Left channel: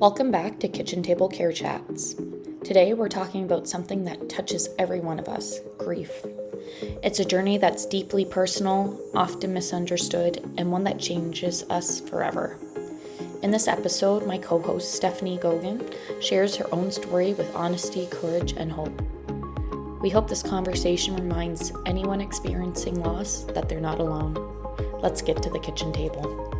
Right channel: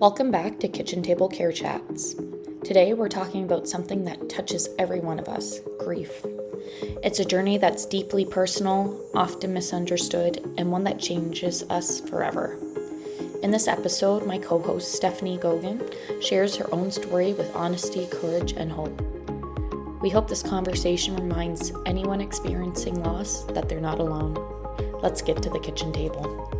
Welcome back to Kitchen Table Care Chats. Today we're talking about something that touches every one of us, grief. It's a journey that's deeply personal, often misunderstood, and one that changes us forever. In this episode, my co-host Stephanie Gogan shares her own story with honesty, courage, and hope. We hope this conversation reminds anyone experiencing loss that they're not alone. Let's get to the kitchen table.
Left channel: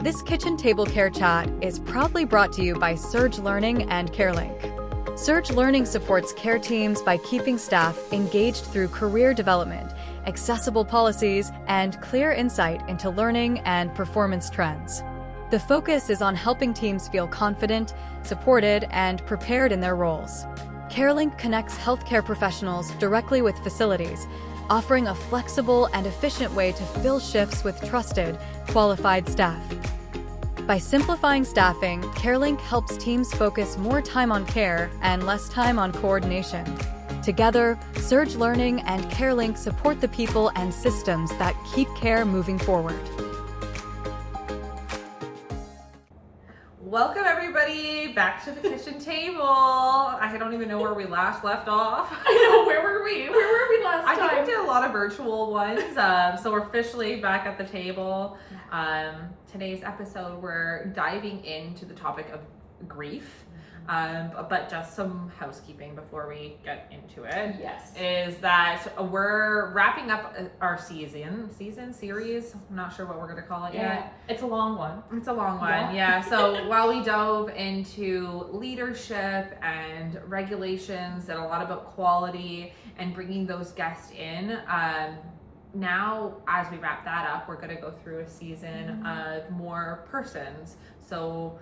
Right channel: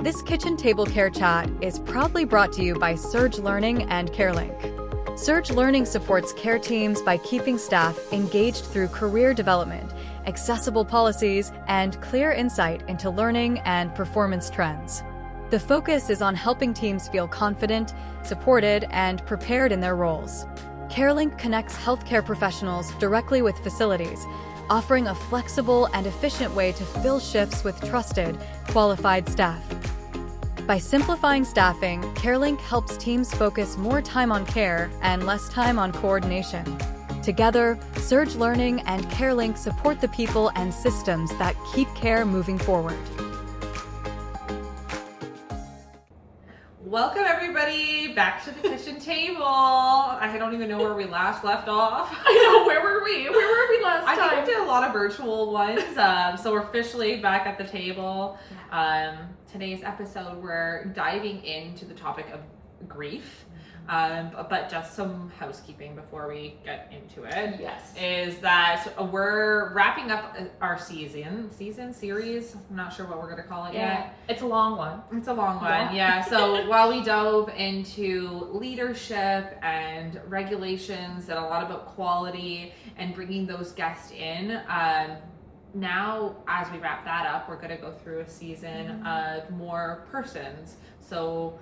This Kitchen Table Care Chat is proudly brought to you by Surge Learning and CareLink. Surge Learning supports care teams by keeping staff engaged through career development, accessible policies, and clear insight into learning and performance trends. The focus is on helping teams feel confident, supported, and prepared in their roles. CareLink connects healthcare professionals directly with facilities, offering a flexible and efficient way to fill shifts with trusted, qualified staff. By simplifying staffing, CareLink helps teams focus more time on care and less time on coordination. Together, Surge Learning and CareLink support the people and systems that keep care moving forward. Welcome everybody back to the kitchen table. I don't even know where we last left off. I know, where were we? Where were we last time? I think we did a lot of virtual ones. So we're officially back at the table. Today's episode, we're diving into the topic of grief. But just some housekeeping before we get into it. Yes. Is that we're wrapping up our series. I'm not sure what we're going to call it yet. It's a long one. It's a long one, yeah. So while we dove into leadership and regulations and a lot about quality and bringing those guests in, now as we wrap that up, we're going to go through a season of more persons. So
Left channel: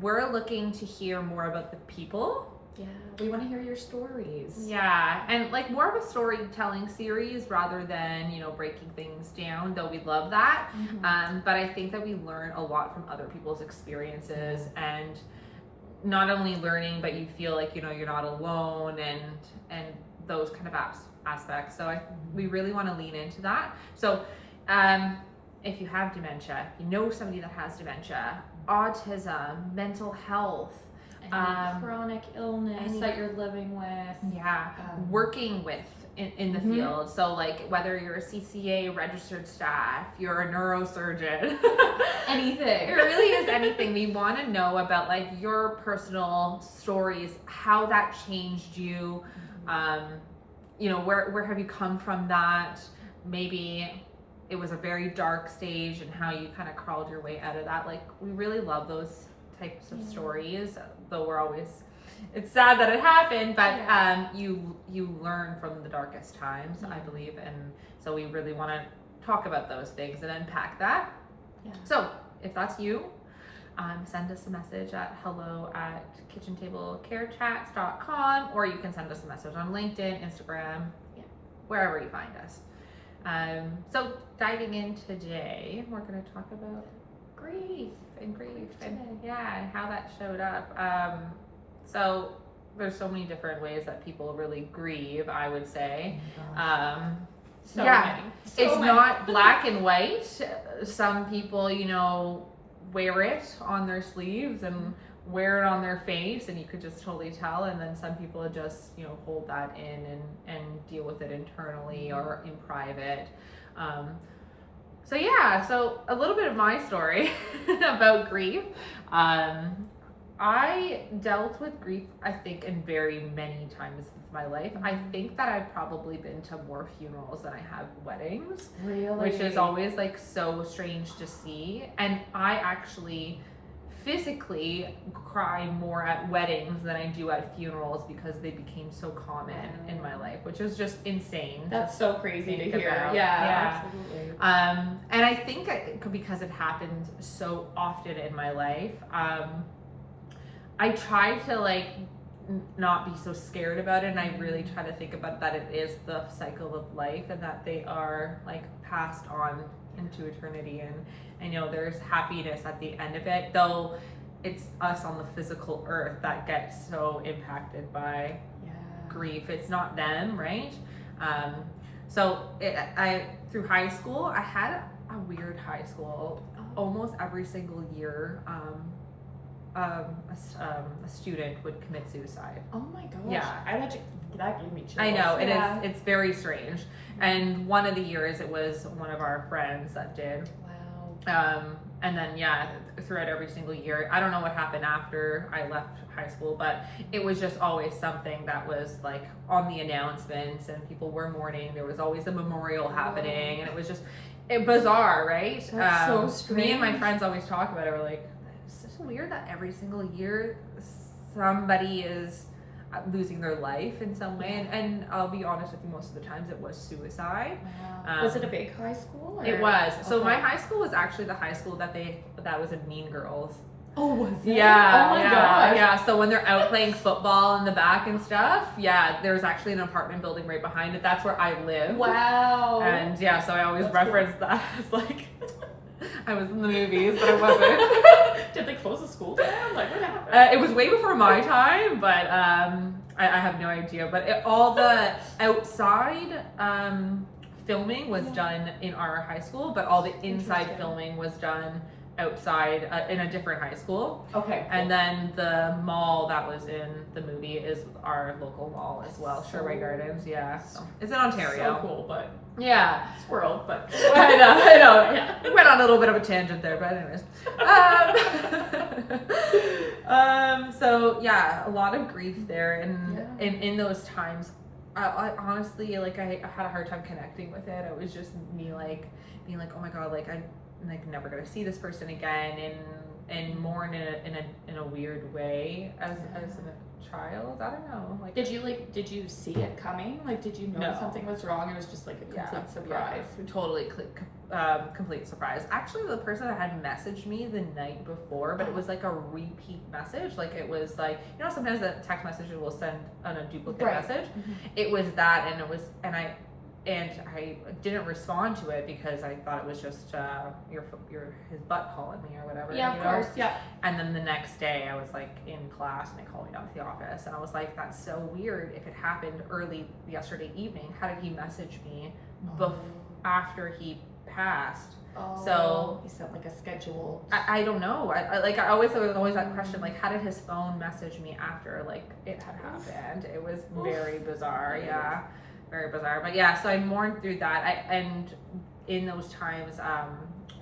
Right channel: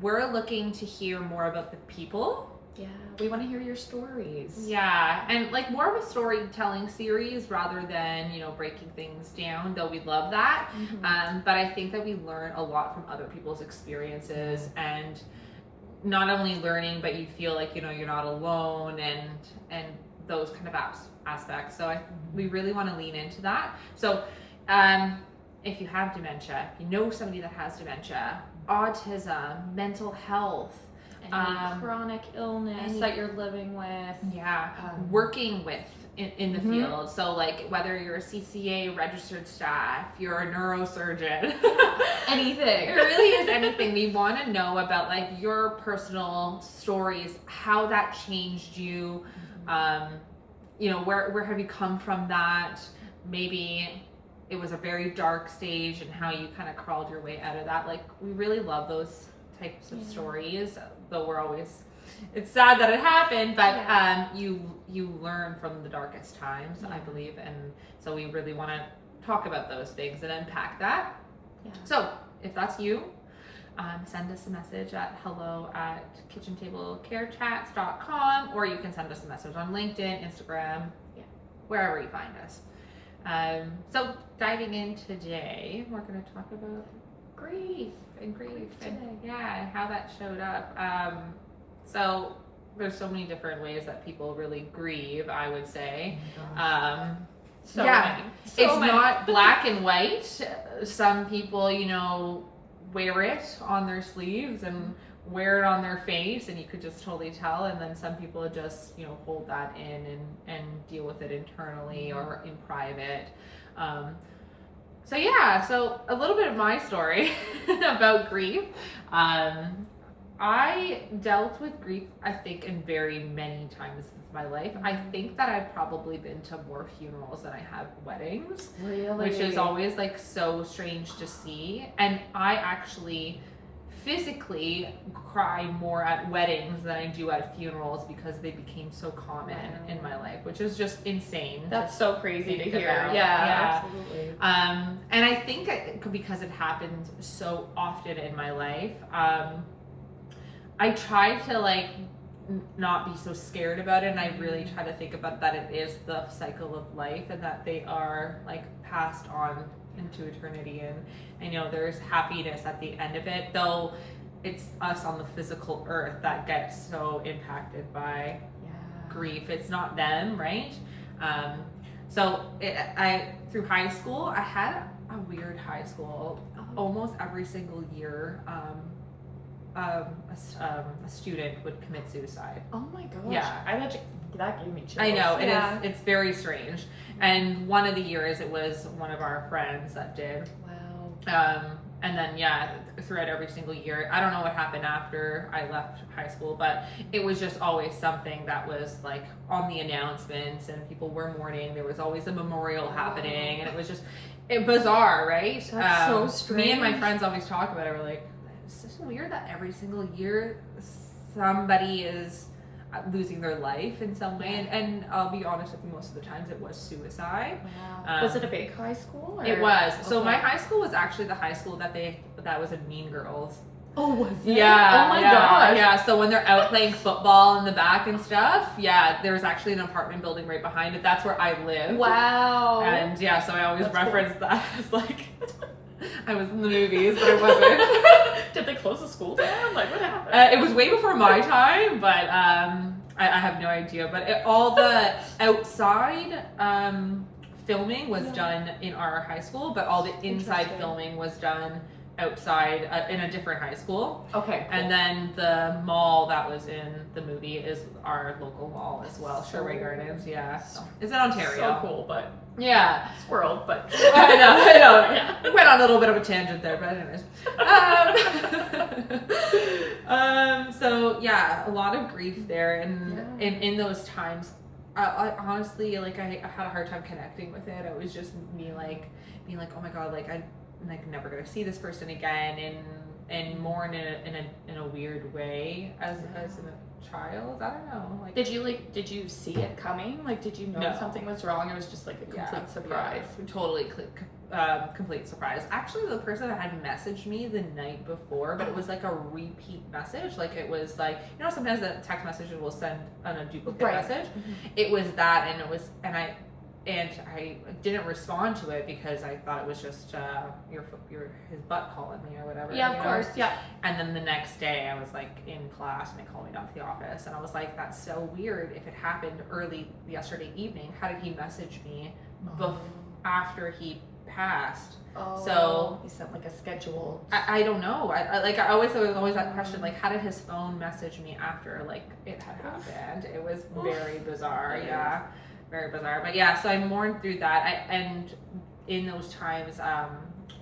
we're looking to hear more about the people. Yeah, we want to hear your stories. Yeah, and like more of a storytelling series rather than, breaking things down, though we love that. But I think that we learn a lot from other people's experiences, and not only learning, but you feel like, you're not alone and those kind of aspects. So we really want to lean into that. So if you have dementia, if you know somebody that has dementia, autism, mental health, chronic illness that you're living with. Yeah, working with in the field. So like whether you're a CCA registered staff, you're a neurosurgeon, Anything. It really is anything. We want to know about like your personal stories, how that changed you. Where have you come from that? Maybe it was a very dark stage and how you kind of crawled your way out of that. Like, we really love those types of stories, though it's sad that it happened, but you learn from the darkest times, I believe. And so we really want to talk about those things and unpack that. Yeah. So if that's you, send us a message at hello@kitchentablecarechats.com, or you can send us a message on LinkedIn, Instagram, wherever you find us. So diving in today, we're going to talk about grief and how that showed up. So there's so many different ways that people really grieve, I would say. It's not black and white. Some people, wear it on their sleeves and wear it on their face, and you could just totally tell. And then some people just hold that in and deal with it internally or in private. So a little bit of my story about grief. I dealt with grief, I think, in very many times of my life. I think that I've probably been to more funerals than I have weddings. Really? Which is always like so strange to see. And I actually physically cry more at weddings than I do at funerals because they became so common in my life, which is just insane. That's so crazy to hear. About. Yeah, absolutely. And I think because it happened so often in my life, I try to not be so scared about it, and I really try to think about that it is the cycle of life and that they are passed on into eternity, and there's happiness at the end of it, though it's us on the physical earth that gets so impacted by grief. It's not them, right? Through high school, I had a weird high school. Almost every single year a student would commit suicide. Oh my gosh. Yeah. That gave me chills. I know, Yeah. it's very strange. And one of the years it was one of our friends that did. Wow. And then, yeah, throughout every single year, I don't know what happened after I left high school, but it was just always something that was like on the announcements and people were mourning. There was always a memorial happening, and it was just bizarre, right? That's so strange. Me and my friends always talk about it. We're like, it's so weird that every single year somebody is losing their life in some way, and I'll be honest with you, most of the times it was suicide. Wow. Was it a big high school? Or? It was. So Okay. my high school was actually the high school that was in Mean Girls. Oh, was it? Yeah. Oh my yeah, gosh. Yeah. So when they're out playing football in the back and stuff, yeah, there's actually an apartment building right behind it. That's where I lived. Wow. And yeah, so I always That's reference that as like I was in the movies, but I wasn't. Did they close the school down? Like, what happened? It was way before my time, but I have no idea. But all the outside filming was done in our high school, but all the inside Interesting. filming was done outside in a different high school. Okay. Cool. And then the mall that was in the movie is our local mall as well, So- Sherway Gardens. Yeah, so it's in Ontario. So cool, but Yeah. squirrel, but I know. We went on a little bit of a tangent there, but anyways. So yeah, a lot of grief there, and in those times, I honestly, like, I had a hard time connecting with it. It was just me, like, being like, oh my god, like, I'm like never gonna see this person again, and more in a weird way as a child. I don't know. Like, did you see it coming? Like, did you know No. something was wrong? It was just like a complete surprise. Yeah, totally complete surprise. Actually, the person that had messaged me the night before, but it was like a repeat message. Like, it was like, you know, sometimes the text messages will send on a duplicate message. Mhm. It was that, and I didn't respond to it because I thought it was just his butt calling me or whatever. Yeah, you of know? course. Yeah. And then the next day I was like in class and they called me down to the office and I was like, that's so weird. If it happened early yesterday evening, how did he message me after he passed? Oh, So he sent like a schedule. I don't know. There was always that question, like, how did his phone message me after like it had happened? It was very bizarre. Yeah, very bizarre. But yeah, so I mourned through that. And in those times,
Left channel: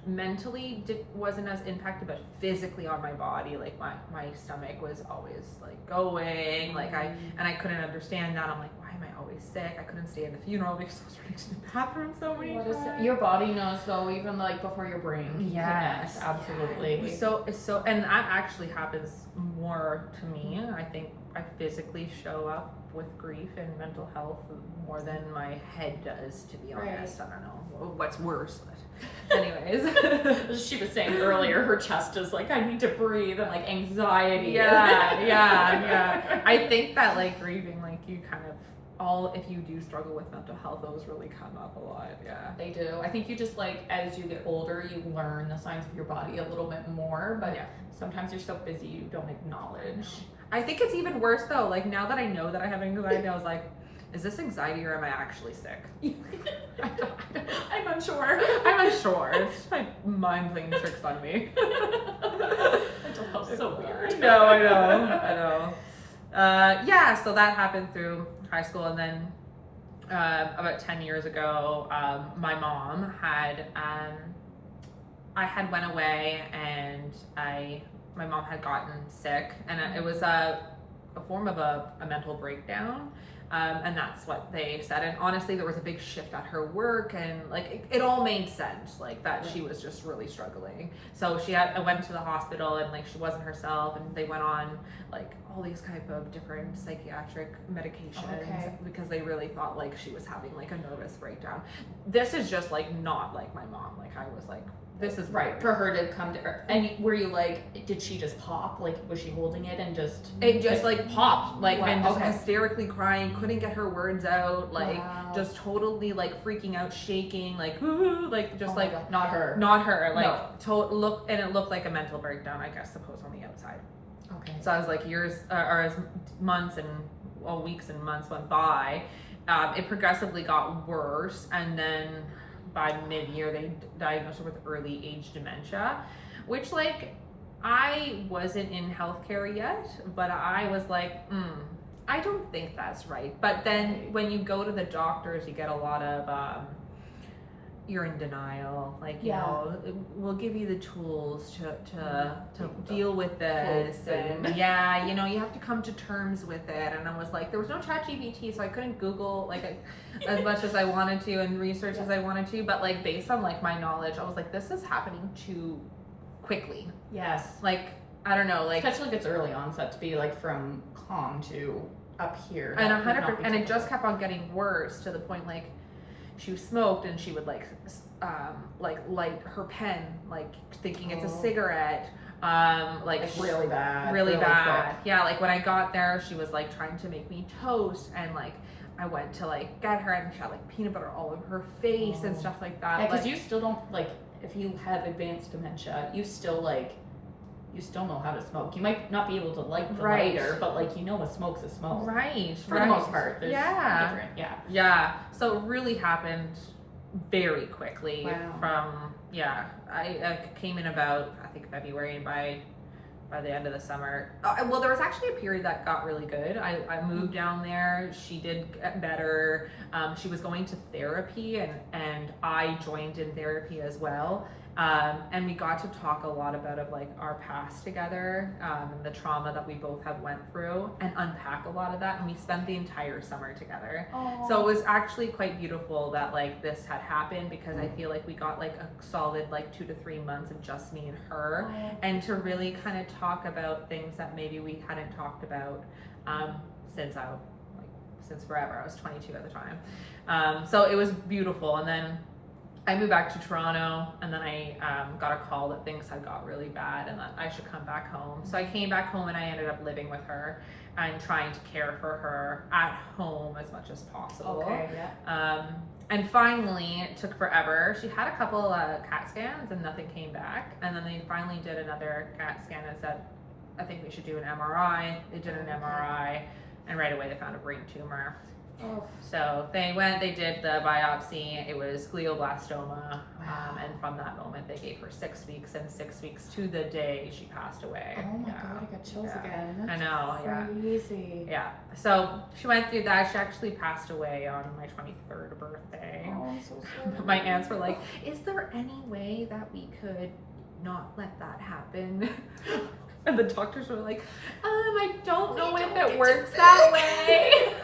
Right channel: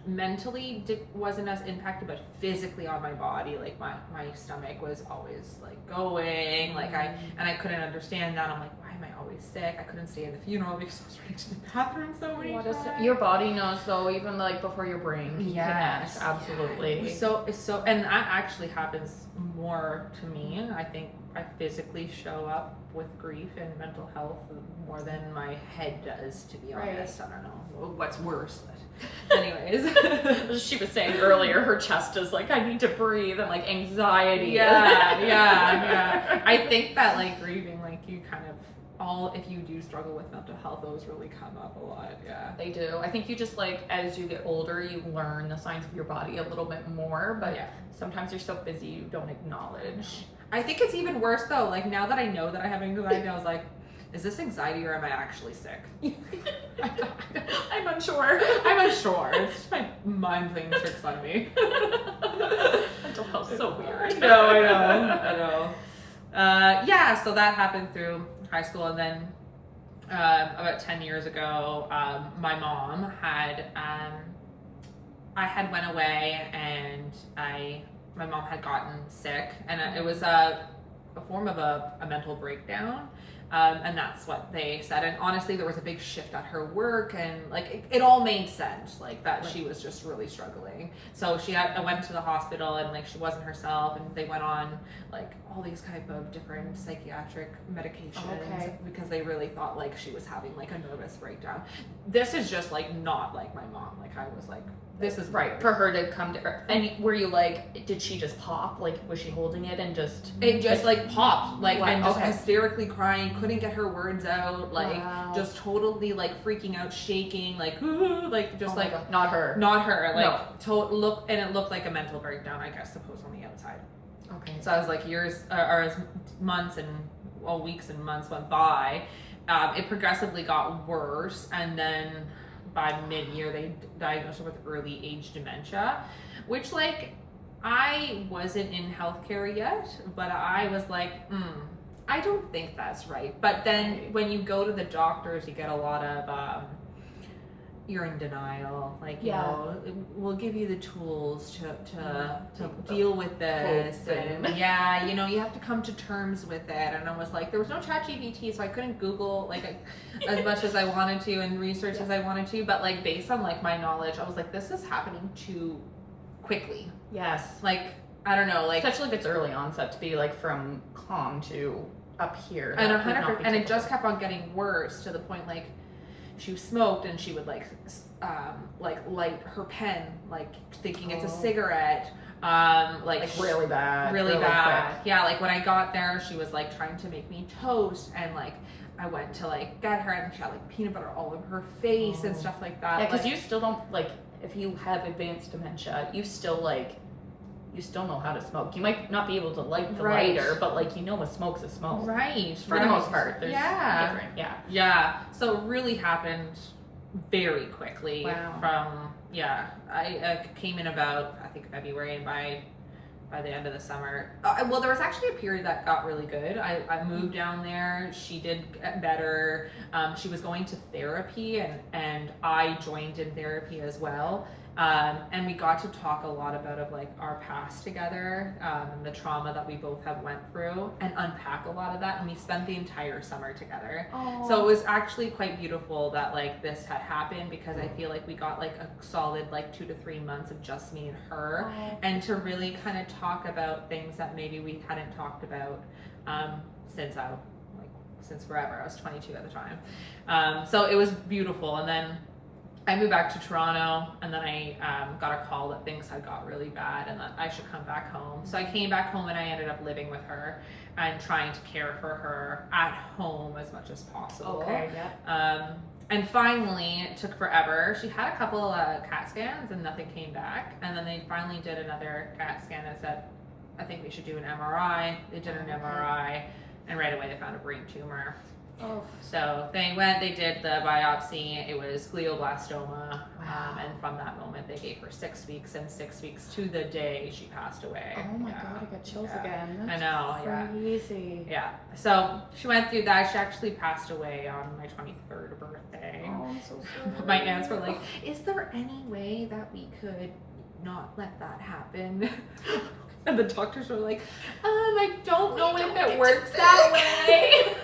mentally wasn't as impacted, but physically on my body, like my stomach was always like going, like I couldn't understand that. I'm like, why am I always sick? I couldn't stay in the funeral because I was running to the bathroom so many times. Your body knows though, even like before your brain Yes, connects. Absolutely. Yeah. So, and that actually happens more to me. I think I physically show up with grief and mental health more than my head does, to be honest. I don't know what's worse, but anyways. She was saying earlier, her chest is like, I need to breathe, and like anxiety. Yeah. I think that like grieving, like you kind of if you do struggle with mental health, those really come up a lot. Yeah. They do. I think you just like, as you get older, you learn the signs of your body a little bit more, but sometimes you're so busy you don't acknowledge. I think it's even worse though. Like now that I know that I have anxiety, I was like, is this anxiety or am I actually sick? I'm unsure. I'm unsure. It's just my mind playing tricks on me. Mental health's so weird. No, I know. Yeah, so that happened through high school, and then about 10 years ago, my mom had I had went away, and my mom had gotten sick, and it was a form of a mental breakdown. And that's what they said. And honestly, there was a big shift at her work, and like it all made sense, like that she was just really struggling. So I went to the hospital, and like she wasn't herself, and they went on like all these type of different psychiatric medications because they really thought like she was having like a nervous breakdown. This is just like not like my mom. Like I was like, this is right for her to come to her. And were you like, did she just pop? Like, was she holding it and just? It just like popped, like, and just Okay. hysterically crying, couldn't get her words out, like just totally like freaking out, shaking, like ooh, like just like God. Not her, like it looked like a mental breakdown, I guess, suppose on the outside. Okay. So I was like, years or as months and weeks and months went by, it progressively got worse, and then by mid-year they diagnosed her with early age dementia, which like I wasn't in healthcare yet, but I was like, I don't think that's right. But then when you go to the doctors, you get a lot of, you're in denial. Like, you know, we'll give you the tools to deal with this. And yeah, you know, you have to come to terms with it. And I was like, there was no ChatGPT, so I couldn't Google like as much as I wanted to and research as I wanted to. But like based on like my knowledge, I was like, this is happening too quickly. Yes. Like, I don't know, like especially if it's early onset, to be like from calm to up here. And 100%, and it just kept on getting worse to the point like she smoked and she would like light her pen, like thinking it's a cigarette. Like really bad. Really bad. Quick. Yeah, like when I got there, she was like trying to make me toast, and like I went to like get her, and she had like peanut butter all over her face and stuff like that. Yeah, because like, you still don't like, if you have advanced dementia, you still know how to smoke. You might not be able to light the lighter, but like, you know, a smoke's a smoke. Right. For the most part. There's different. Yeah. So it really happened very quickly. Wow. I came in about, I think, February, and by the end of the summer. Well, there was actually a period that got really good. I moved down there. She did get better. She was going to therapy, and I joined in therapy as well. And we got to talk a lot about like our past together, and the trauma that we both have went through, and unpack a lot of that. And we spent the entire summer together. Aww. So it was actually quite beautiful that like this had happened, because I feel like we got like a solid like 2 to 3 months of just me and her, and to really kind of talk about things that maybe we hadn't talked about since forever. I was 22 at the time. So it was beautiful. And then I moved back to Toronto, and then I got a call that things had got really bad and that I should come back home. So I came back home, and I ended up living with her and trying to care for her at home as much as possible. Okay, yeah. And finally, it took forever. She had a couple CAT scans and nothing came back. And then they finally did another CAT scan and said, I think we should do an MRI. They did an MRI, and right away they found a brain tumor. Oh. So they did the biopsy. It was glioblastoma. And from that moment, they gave her 6 weeks, and 6 weeks to the day she passed away. Oh my God, I got chills again. That's I know, crazy. Yeah. So she went through that. She actually passed away on my 23rd birthday. Oh, I'm so sorry. My aunts were like, is there any way that we could not let that happen? And the doctors were like, I don't know if it works that way.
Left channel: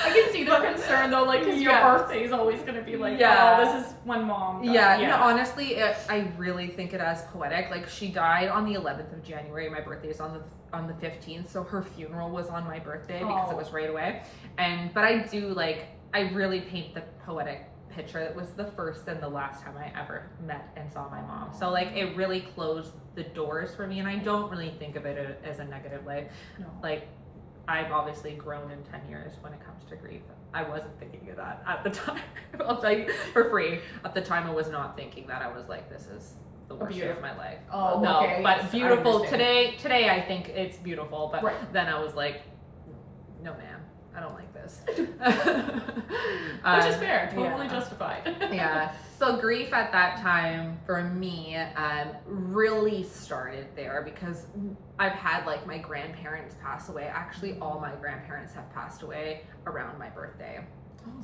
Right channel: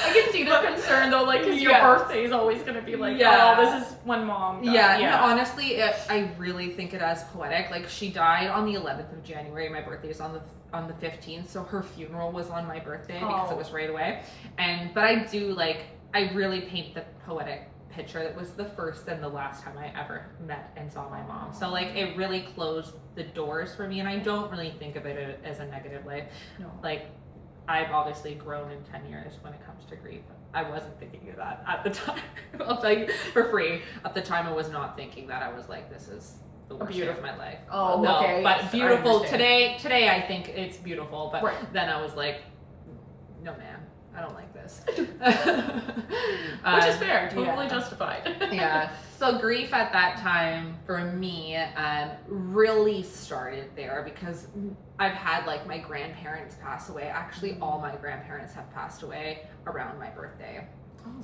I can see the concern though, like, because your birthday is always going to be like, oh, this is when mom died. No, honestly, I really think it as poetic. Like, she died on the 11th of January. My birthday is on the 15th, so her funeral was on my birthday because it was right away. But I really paint the poetic picture. It was the first and the last time I ever met and saw my mom. So like, it really closed the doors for me, and I don't really think of it as a negative life. No. Like, I've obviously grown in 10 years when it comes to grief. I wasn't thinking of that at the time. I'll tell you for free. At the time, I was not thinking that. I was like, this is the worst day of my life. Oh, no, okay. but beautiful. Today I think it's beautiful. But then I was like, no, man. I don't like this. Which is fair, totally justified. Yeah. So grief at that time for me really started there, because I've had like my grandparents pass away. Actually, all my grandparents have passed away around my birthday.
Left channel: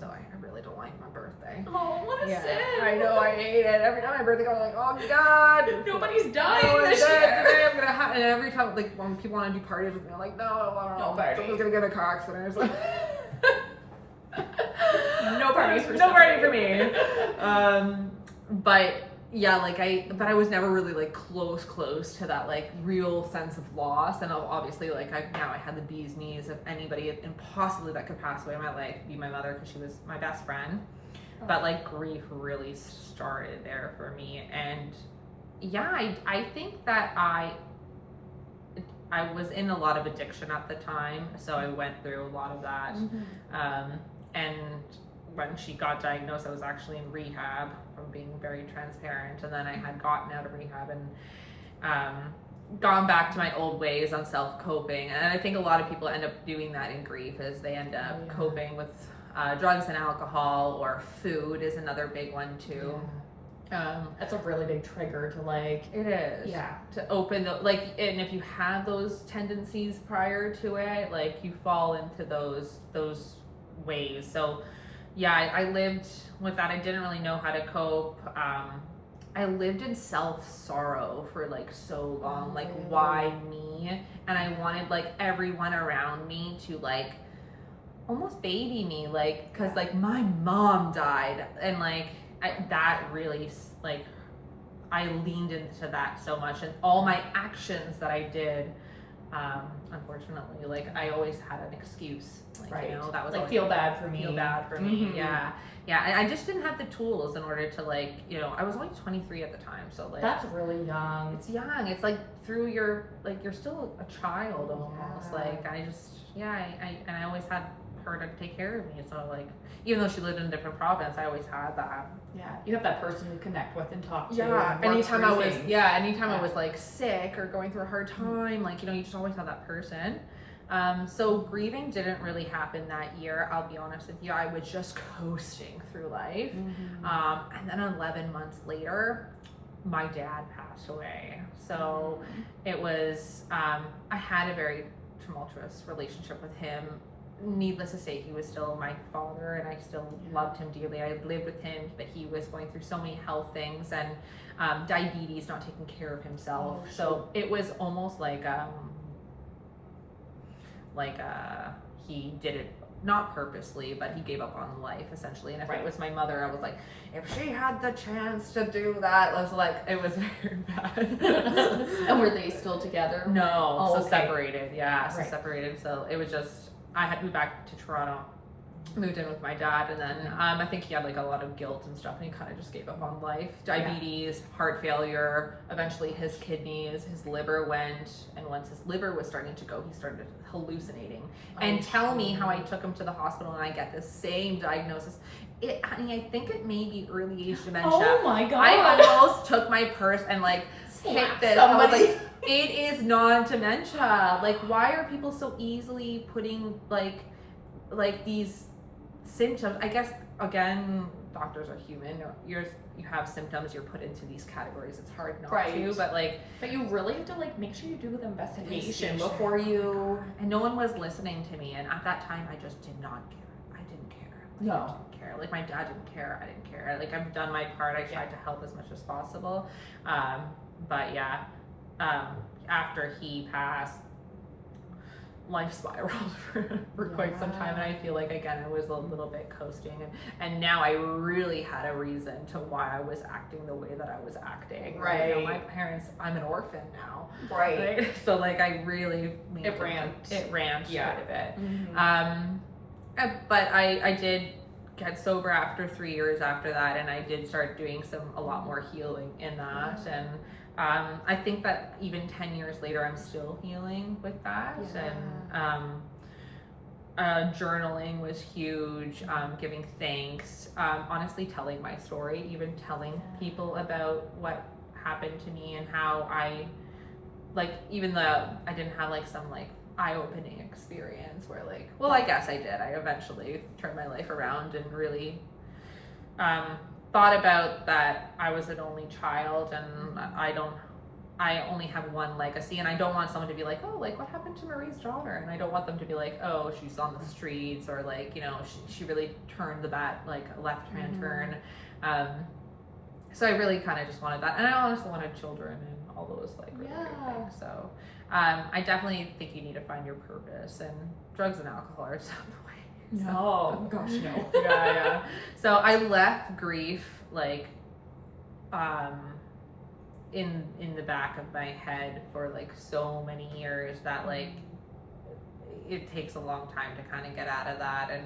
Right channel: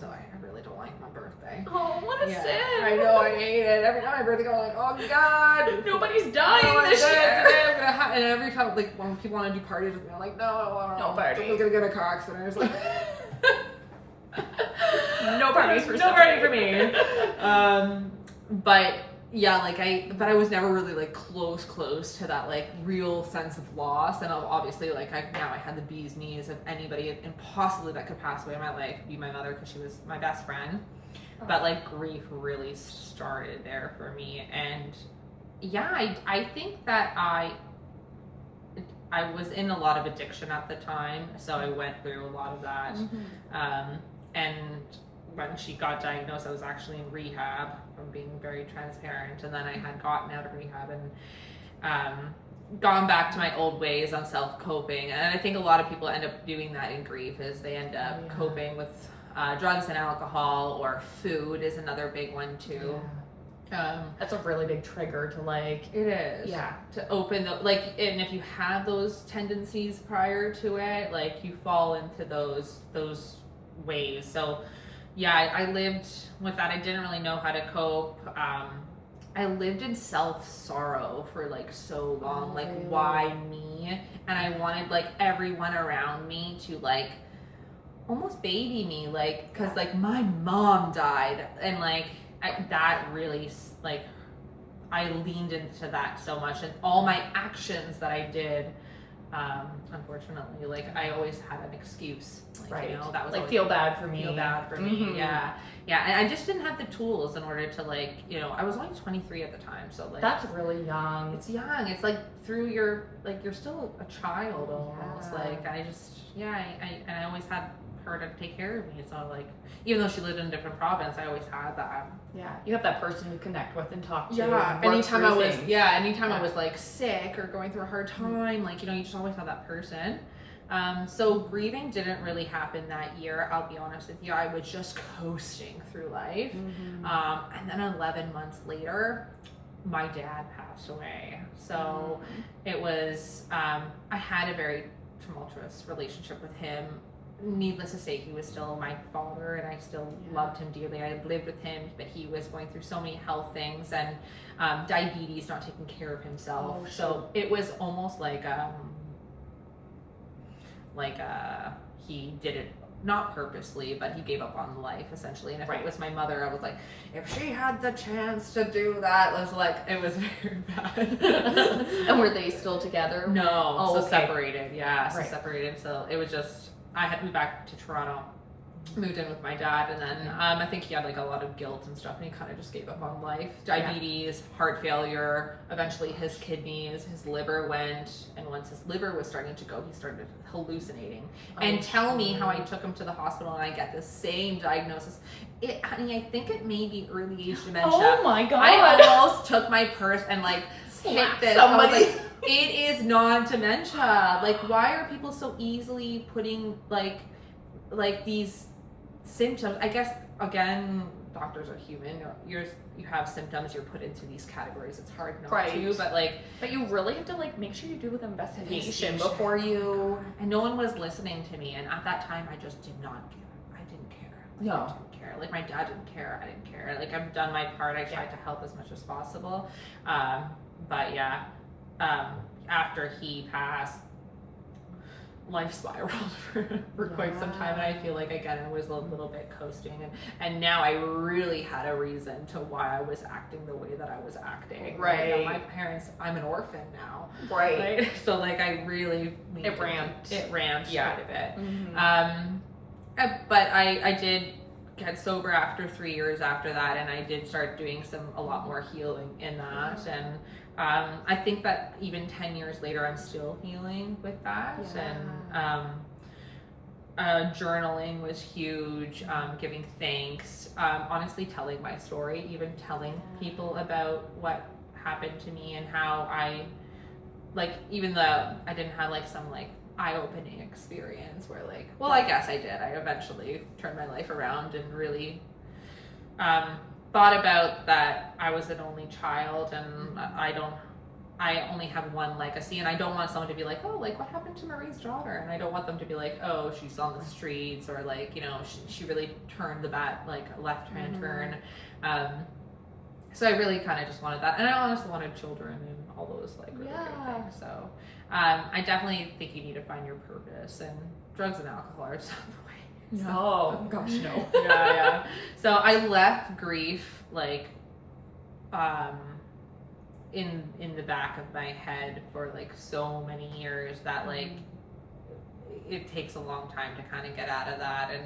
So I really don't like my birthday. Oh, what a sin. I know, I hate it. Every time my birthday comes, I'm like, oh God. Nobody's dying this year. Today I'm gonna and every time, like, when people want to do parties with me, I'm like, no, I don't know. No party. I'm gonna get a car accident. Like, no parties for no party for me. But yeah, like but I was never really like close to that like real sense of loss. And obviously, like, I had the bee's knees of anybody impossibly that could pass away in my life be my mother, because she was my best friend. But like, grief really started there for me. And yeah, I think that I was in a lot of addiction at the time, so I went through a lot of that. And when she got diagnosed, I was actually in rehab, from being very transparent. And then I had gotten out of rehab and gone back to my old ways on self-coping. And I think a lot of people end up doing that in grief, is they end up coping with drugs and alcohol, or food is another big one too. That's a really big trigger to like. It is. Yeah. To open the, like, and if you have those tendencies prior to it, like, you fall into those ways. So, yeah, I lived with that. I didn't really know how to cope. I lived in self-sorrow for, like, so long. Like, why me? And I wanted, like, everyone around me to, like, almost baby me, like, because, like, my mom died. And, like, that really, like, I leaned into that so much. And all my actions that I did, unfortunately, like, I always had an excuse. Like, Right. you know, that was like always, feel bad for me. feel bad for me. Yeah. And I just didn't have the tools in order to, like, you know, I was only 23 at the time. So, like, That's really young. it's young. It's like through your, like, you're still a child almost. Yeah. Like, I just, I always had her to take care of me. So, like, even though she lived in a different province, I always had that. Yeah, you have that person to connect with and talk to. Yeah, and work anytime through I was, things. anytime I Yeah. was, like, sick or going through a hard time, like, you know, you just always have that person. So grieving didn't really happen that year. I'll be honest with you. I was just coasting through life. And then 11 months later, my dad passed away. So it was, I had a very tumultuous relationship with him. Needless to say, he was still my father and I still loved him dearly. I lived with him, but he was going through so many health things and diabetes, not taking care of himself. So it was almost like he did it not purposely, but he gave up on life essentially. And if it was my mother, I was like, if she had the chance to do that, it was very bad. And were they still together? No, Oh, so okay. separated. Yeah, so Right. separated. So it was just, I had moved back to Toronto, moved in with my dad, and then I think he had, like, a lot of guilt and stuff, and he kind of just gave up on life. Diabetes, heart failure, eventually his kidneys, his liver went, and once his liver was starting to go, he started hallucinating. And tell me how I took him to the hospital and I get the same diagnosis. Honey, I think it may be early age dementia. Oh my god! I almost took my purse and, like, hit this. I was like, it is not dementia. Like, why are people so easily putting like these symptoms? I guess, again, doctors are human. You have symptoms, you're put into these categories. It's hard not to, but, like, but you really have to, like, make sure you do the investigation before you. And no one was listening to me. And at that time, I just did not care. I didn't care. Like, No. I didn't care. Like, my dad didn't care. I didn't care. Like, I've done my part. I tried to help as much as possible. But yeah, after he passed, life spiraled for quite some time, and I feel like, again, I was a little bit coasting, and now I really had a reason to why I was acting the way that I was acting. Right. You know, my parents, I'm an orphan now. Right. So, like, I really It ramped. quite a bit. Mm-hmm. But I did get sober after 3 years after that, and I did start doing a lot more healing in that. And I think that even 10 years later, I'm still healing with that. And journaling was huge, giving thanks, honestly telling my story, even telling people about what happened to me and how I, like, even though I didn't have, like, some, like, eye-opening experience where, like, well, I guess I did. I eventually turned my life around and really thought about that I was an only child, and I only have one legacy, and I don't want someone to be like, oh, like, what happened to Marie's daughter? And I don't want them to be like, oh, she's on the streets, or, like, you know, she really turned the like, left-hand turn. So I really kind of just wanted that, and I honestly wanted children and all those, like, really great things. So I definitely think you need to find your purpose, and drugs and alcohol are just not the way. No, gosh, no. Yeah. So I left grief, like, in the back of my head for, like, so many years that, like, it takes a long time to kind of get out of that. And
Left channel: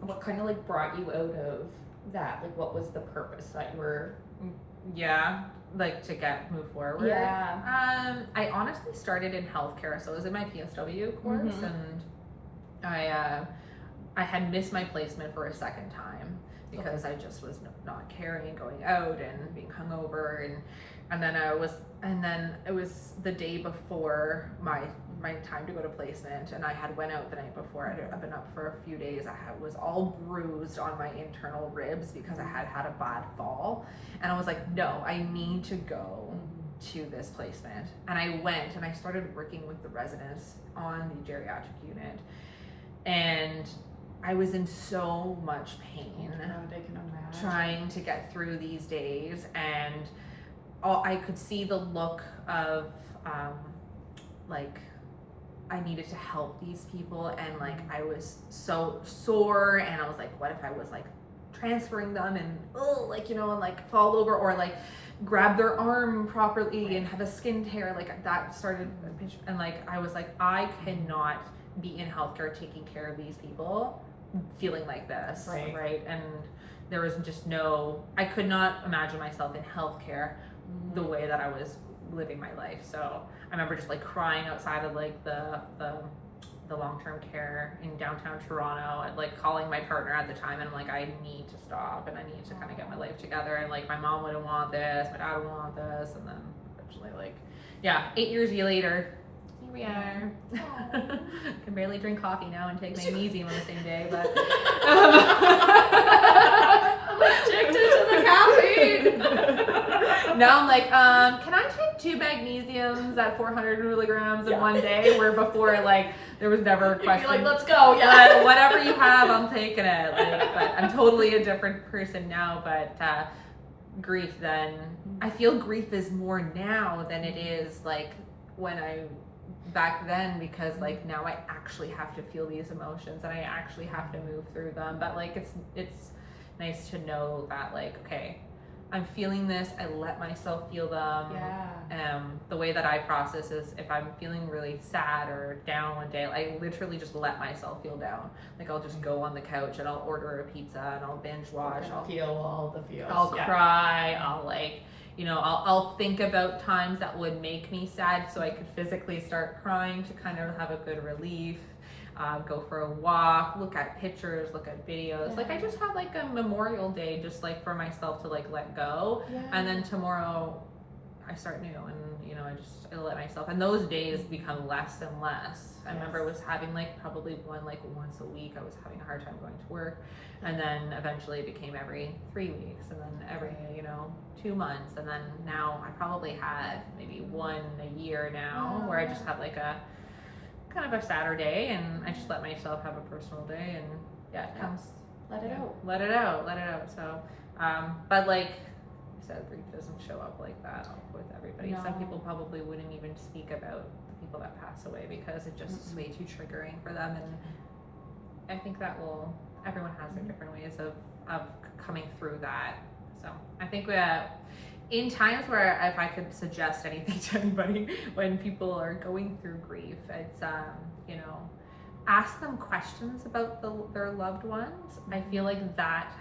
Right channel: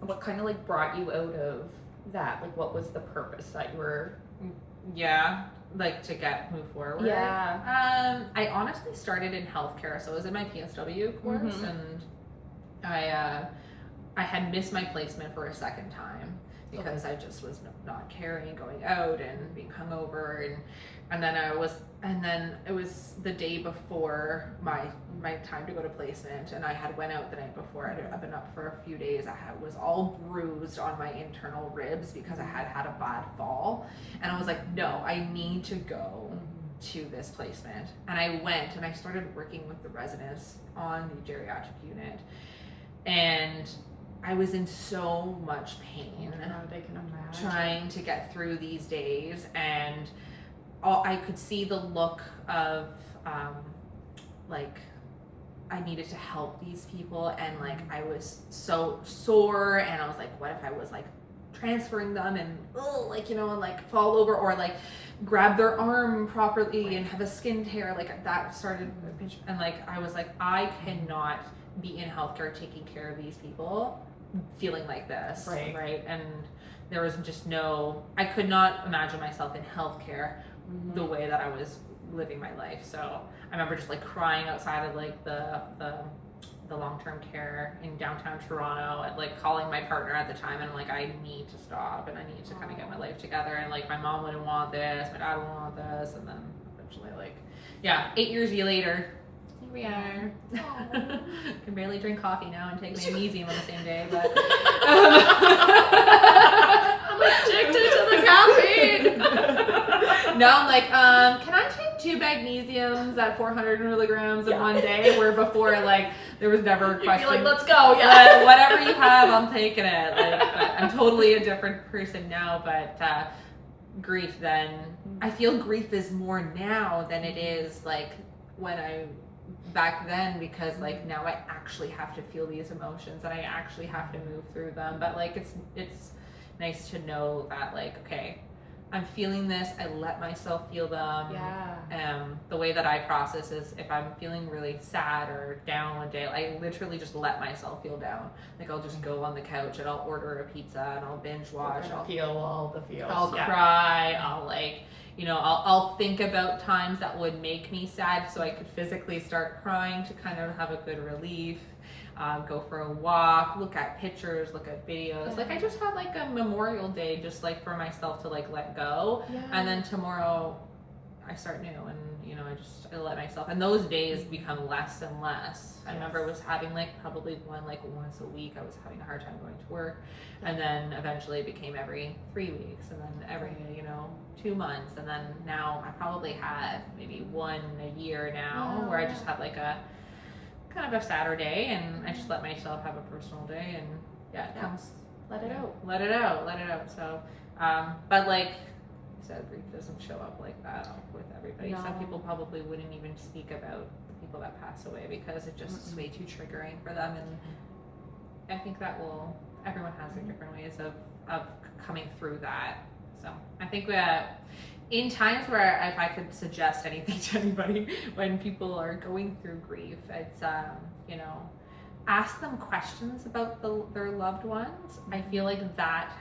What kind of, like, brought you out of that? Like, what was the purpose that you were? like, to move forward. I honestly started in healthcare, so I was in my PSW course, and I had missed my placement for a second time because I just was not caring and going out and being hungover, and then it was the day before my time to go to placement, and I had went out the night before. I'd been up for a few days. I was all bruised on my internal ribs because I had a bad fall, and I was like, no, I need to go to this placement. And I went and I started working with the residents on the geriatric unit, and I was in so much pain They can imagine. trying to get through these days, and I could see the look of like I needed to help these people, and like I was so sore, and I was like, what if I was like transferring them and and like fall over, or like grab their arm properly and have a skin tear, like that started, and like I was like, I cannot be in healthcare taking care of these people feeling like this, right? And there was just I could not imagine myself in healthcare the way that I was living my life. So I remember just like crying outside of like the long-term care in downtown Toronto, and like calling my partner at the time, and I'm like, I need to stop, and I need to kind of get my life together, and like my mom wouldn't want this, my dad wouldn't want this, and then eventually 8 years later, here we are. Can barely drink coffee now and take magnesium on the same day, but I'm addicted to the caffeine. now I'm like, can I take 2 magnesiums at 400 milligrams in one day? Where before, like, there was never a question. You're like, let's go, yeah. Whatever you have, I'm taking it. Like, but I'm totally a different person now. But grief, then I feel grief is more now than it is like when back then, because like now I actually have to feel these emotions and I actually have to move through them. But like it's nice to know that like, okay, I'm feeling this, I let myself feel them. The way that I process is if I'm feeling really sad or down one day, I literally just let myself feel down. Like I'll just go on the couch and I'll order a pizza and I'll binge watch. I'll feel all the feels. I'll cry. I'll I'll think about times that would make me sad so I could physically start crying to kind of have a good relief. Go for a walk, look at pictures, look at videos. Like I just had like a Memorial Day just like for myself to like let go. And then tomorrow I start new, and I let myself, and those days become less and less. I remember I was having like probably once a week. I was having a hard time going to work, and then eventually it became every 3 weeks, and then every 2 months, and then now I probably have maybe one a year now where I just have like a kind of a Saturday, and I just let myself have a personal day, and it comes. Let it out. Let it out. So, but like I said, grief doesn't show up like that with everybody. No. Some people probably wouldn't even speak about the people that pass away because it just is way too triggering for them, and I think that everyone has their different ways of coming through that. So I think in times where, if I could suggest anything to anybody when people are going through grief, it's ask them questions about their loved ones. I feel like that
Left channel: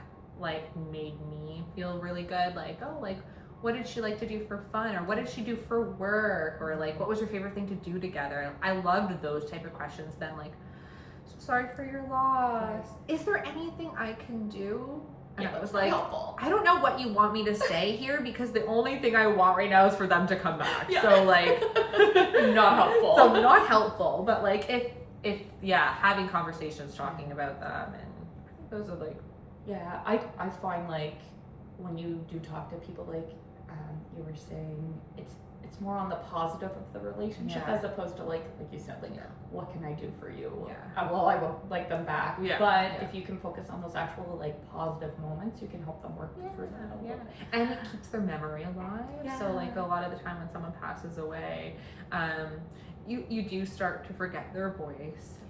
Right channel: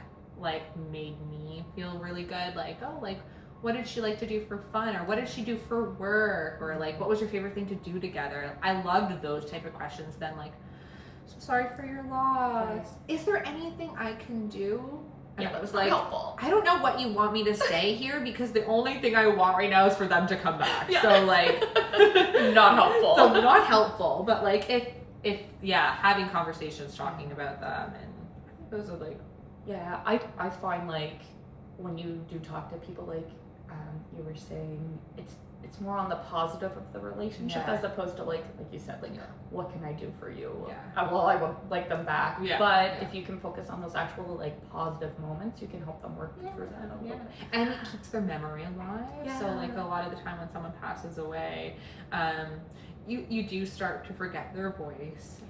made me feel really good. Like, oh, like what did she like to do for fun, or what did she do for work, or like what was your favorite thing to do together? I loved those type of questions. Then like, so sorry for your loss. Is there anything I can do? And I was like, helpful. I don't know what you want me to say here, because the only thing I want right now is for them to come back. So like, not helpful. So not helpful, but like if having conversations, talking about them, and I think those are like. Yeah, I find like when you do talk to people, like you were saying, it's more on the positive of the relationship as opposed to like you said, like what can I do for you? Well, I won't like them back. But if you can focus on those actual like positive moments, you can help them work through that a little bit. And it keeps their memory alive. So like a lot of the time when someone passes away, you do start to forget their voice,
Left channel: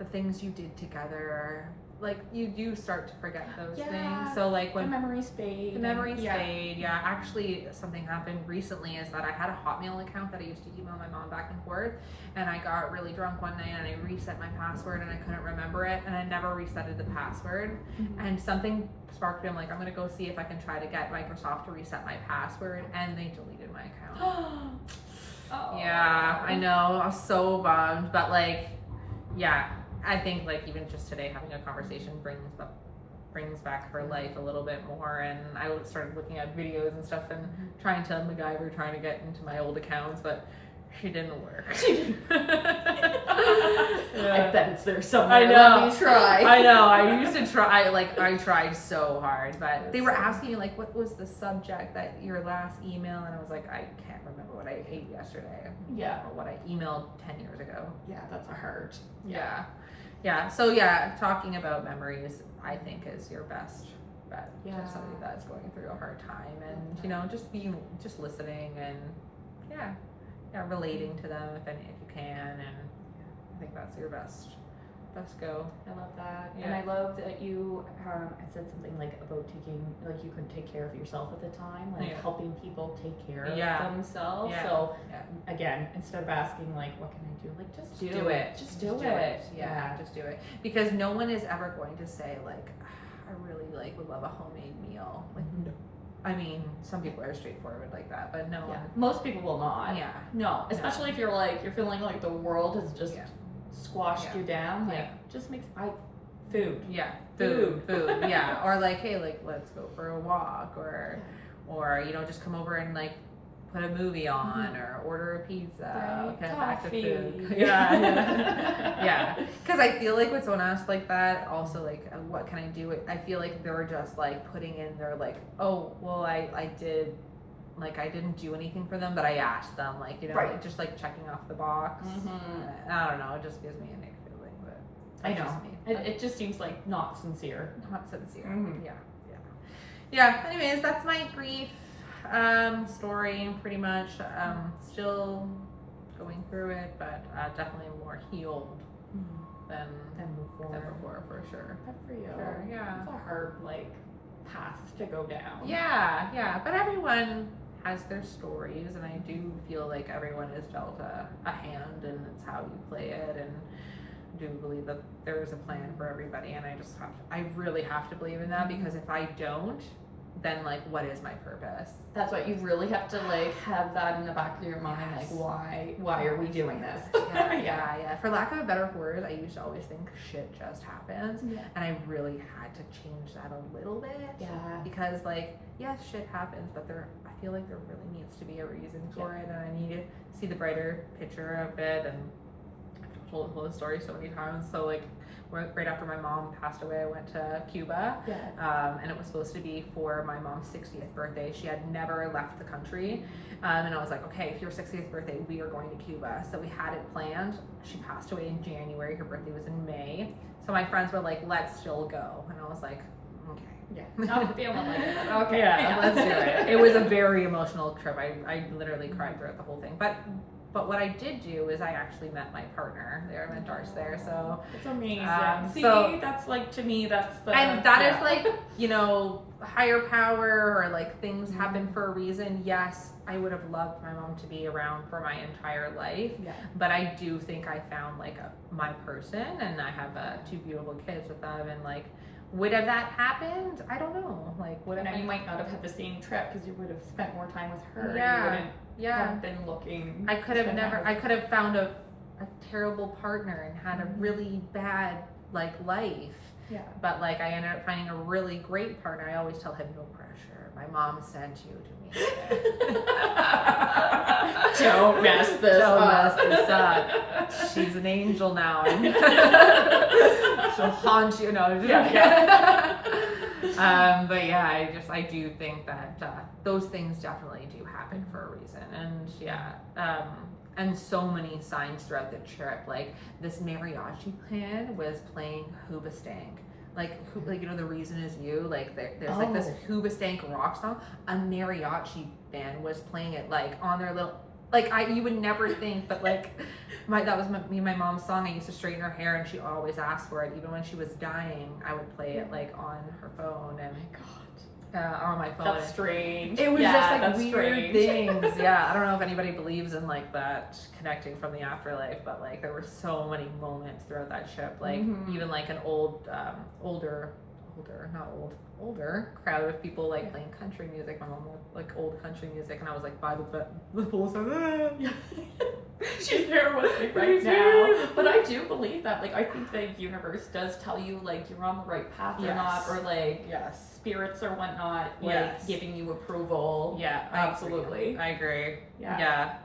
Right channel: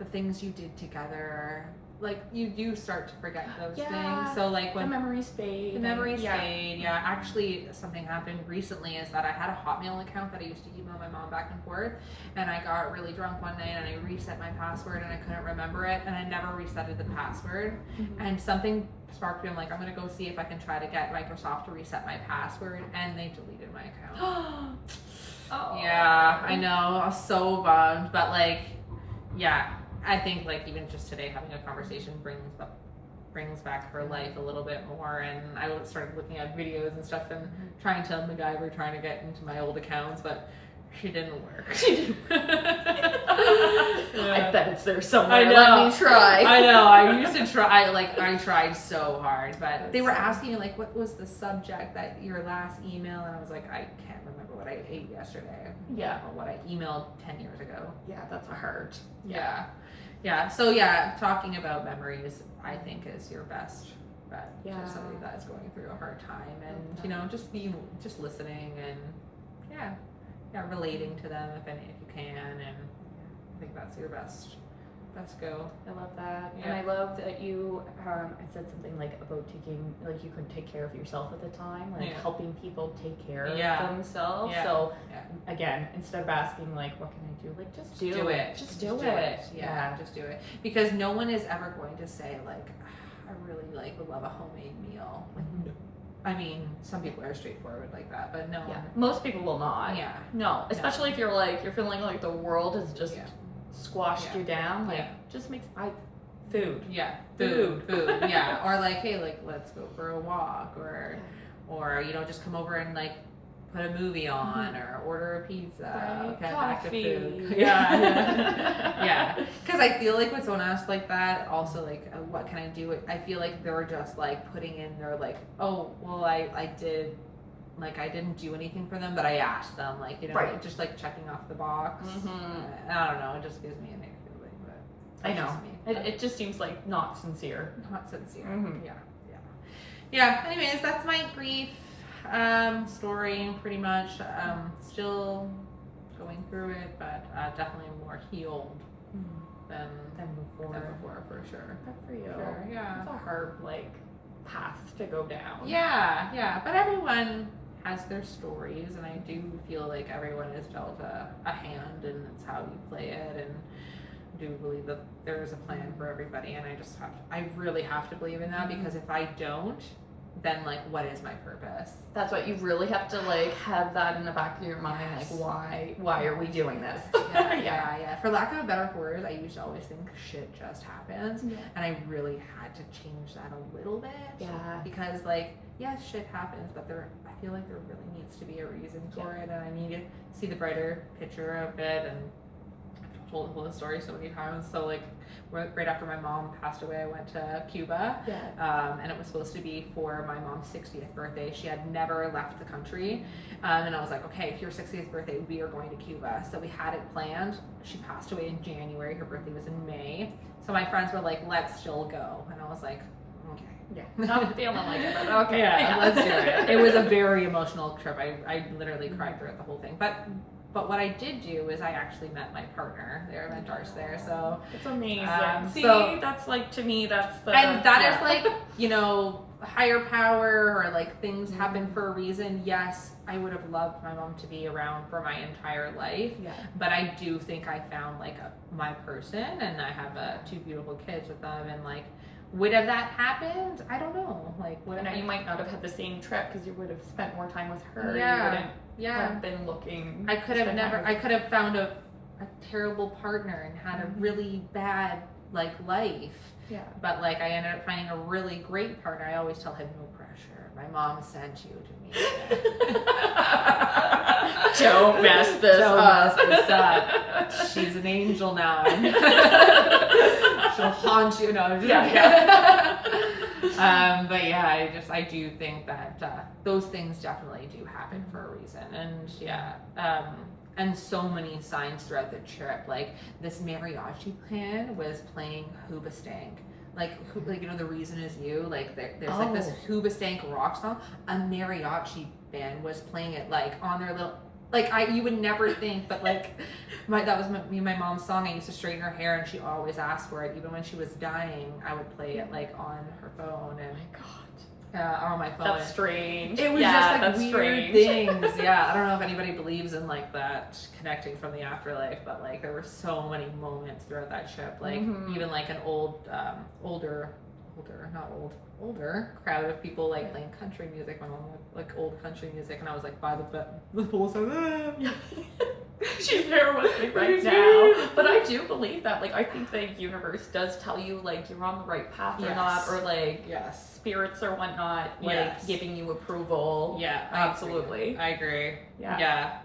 the things you did together. Like you do start to forget those things. So like when the memories fade. fade. Actually, something happened recently is that I had a Hotmail account that I used to email my mom back and forth, and I got really drunk one night and I reset my password and I couldn't remember it, and I never resetted the password. And something sparked me. I'm like, I'm gonna go see if I can try to get Microsoft to reset my password, and they deleted my account. Yeah, I know. I was so bummed, but like, I think like even just today having a conversation brings brings back her life a little bit more. And I started looking at videos and stuff and trying to get into my old accounts, but she didn't work. I bet it's there somewhere. I know. Let me try. I know. I used to try. I tried so hard, but they were asking like, "What was the subject that your last email?" And I was like, "I can't remember what I ate yesterday. Yeah. Or what I emailed 10 years ago." Yeah, that's a hard. Yeah. Yeah. So yeah, talking about memories, I think, is your best bet to somebody that's going through a hard time, and just listening and relating to them if you can, and I think that's your best go. I love that. Yeah. And I love that you had said something like about taking, like you couldn't take care of yourself at the time, like helping people take care of themselves. Yeah. So again, instead of asking like, what can I do? Like just do it. Just do it. Yeah, just do it. Because no one is ever going to say like, I really would love a homemade meal. Like, no. I mean, some people are straightforward like that, but no one. Most people will not. Yeah. No, especially if you're feeling like the world has just squashed you down. Like, just makes food. Yeah, food. Yeah, or like, hey, like let's go for a walk, or just come over and like put a movie on, or order a pizza. Get back to food. Yeah. Because I feel like when someone asks like that, also like, what can I do? I feel like they were just like putting in their like, oh, well, I did. Like I didn't do anything for them, but I asked them, like like, just like checking off the box. I don't know. It just gives me a nick feeling, but I know it just seems like not sincere. Not sincere. Yeah. Anyways, that's my grief story, pretty much. Still going through it, but definitely more healed than before, for sure. Good for you. Sure, yeah. It's a hard path to go down. Yeah. But everyone has their stories, and I do feel like everyone is dealt a hand, and it's how you play it, and I do believe that there is a plan for everybody, and I really have to believe in that, because if I don't, then like what is my purpose? That's what you really have to have that in the back of your mind, why are we doing this? Yeah. For lack of a better word, I used to always think shit just happens, and I really had to change that a little bit. Yeah. Because shit happens, but I feel like there really needs to be a reason for it, and I need to see the brighter picture of it. And I've told the story so many times. So right after my mom passed away, I went to Cuba, and it was supposed to be for my mom's 60th birthday. She had never left the country, and I was like, okay, for your 60th birthday, we are going to Cuba. So we had it planned. She passed away in January. Her birthday was in May. So my friends were like, let's still go. And I was like, okay. Yeah, not feeling like it, but okay. Yeah, let's do it. It was a very emotional trip. I literally cried throughout the whole thing. But what I did do is I actually met my partner there. I met Darce there, so it's amazing. So that's to me, that's the and that is higher power, or like things happen for a reason. Yes, I would have loved my mom to be around for my entire life, but I do think I found my person, and I have 2 beautiful kids with them, and would have that happened? I don't know. You might not have had the same trip because you would have spent more time with her. Yeah. Have been looking. I could have found a terrible partner and had a really bad life. Yeah. But I ended up finding a really great partner. I always tell him, no pressure. My mom sent you to me. Don't mess this up. She's an angel now, and she'll haunt you. No, but yeah, I do think that those things definitely do happen for a reason, and and so many signs throughout the trip. This mariachi band was playing Hoobastank. The reason is you. There's this Hoobastank rock song. A mariachi band was playing it on their little. You would never think, but that was me and my mom's song. I used to straighten her hair, and she always asked for it. Even when she was dying, I would play it on her phone, and on my phone. That's strange. It was just weird things. Yeah, I don't know if anybody believes in that connecting from the afterlife, but there were so many moments throughout that trip. Even an older crowd of people playing country music. My mom liked old country music, and I was by the pool, so She's here with me right now. But I do believe that. Like, I think the universe does tell you, like, you're on the right path or not, or like, spirits or whatnot, like, giving you approval. Yeah, absolutely. I agree. Yeah.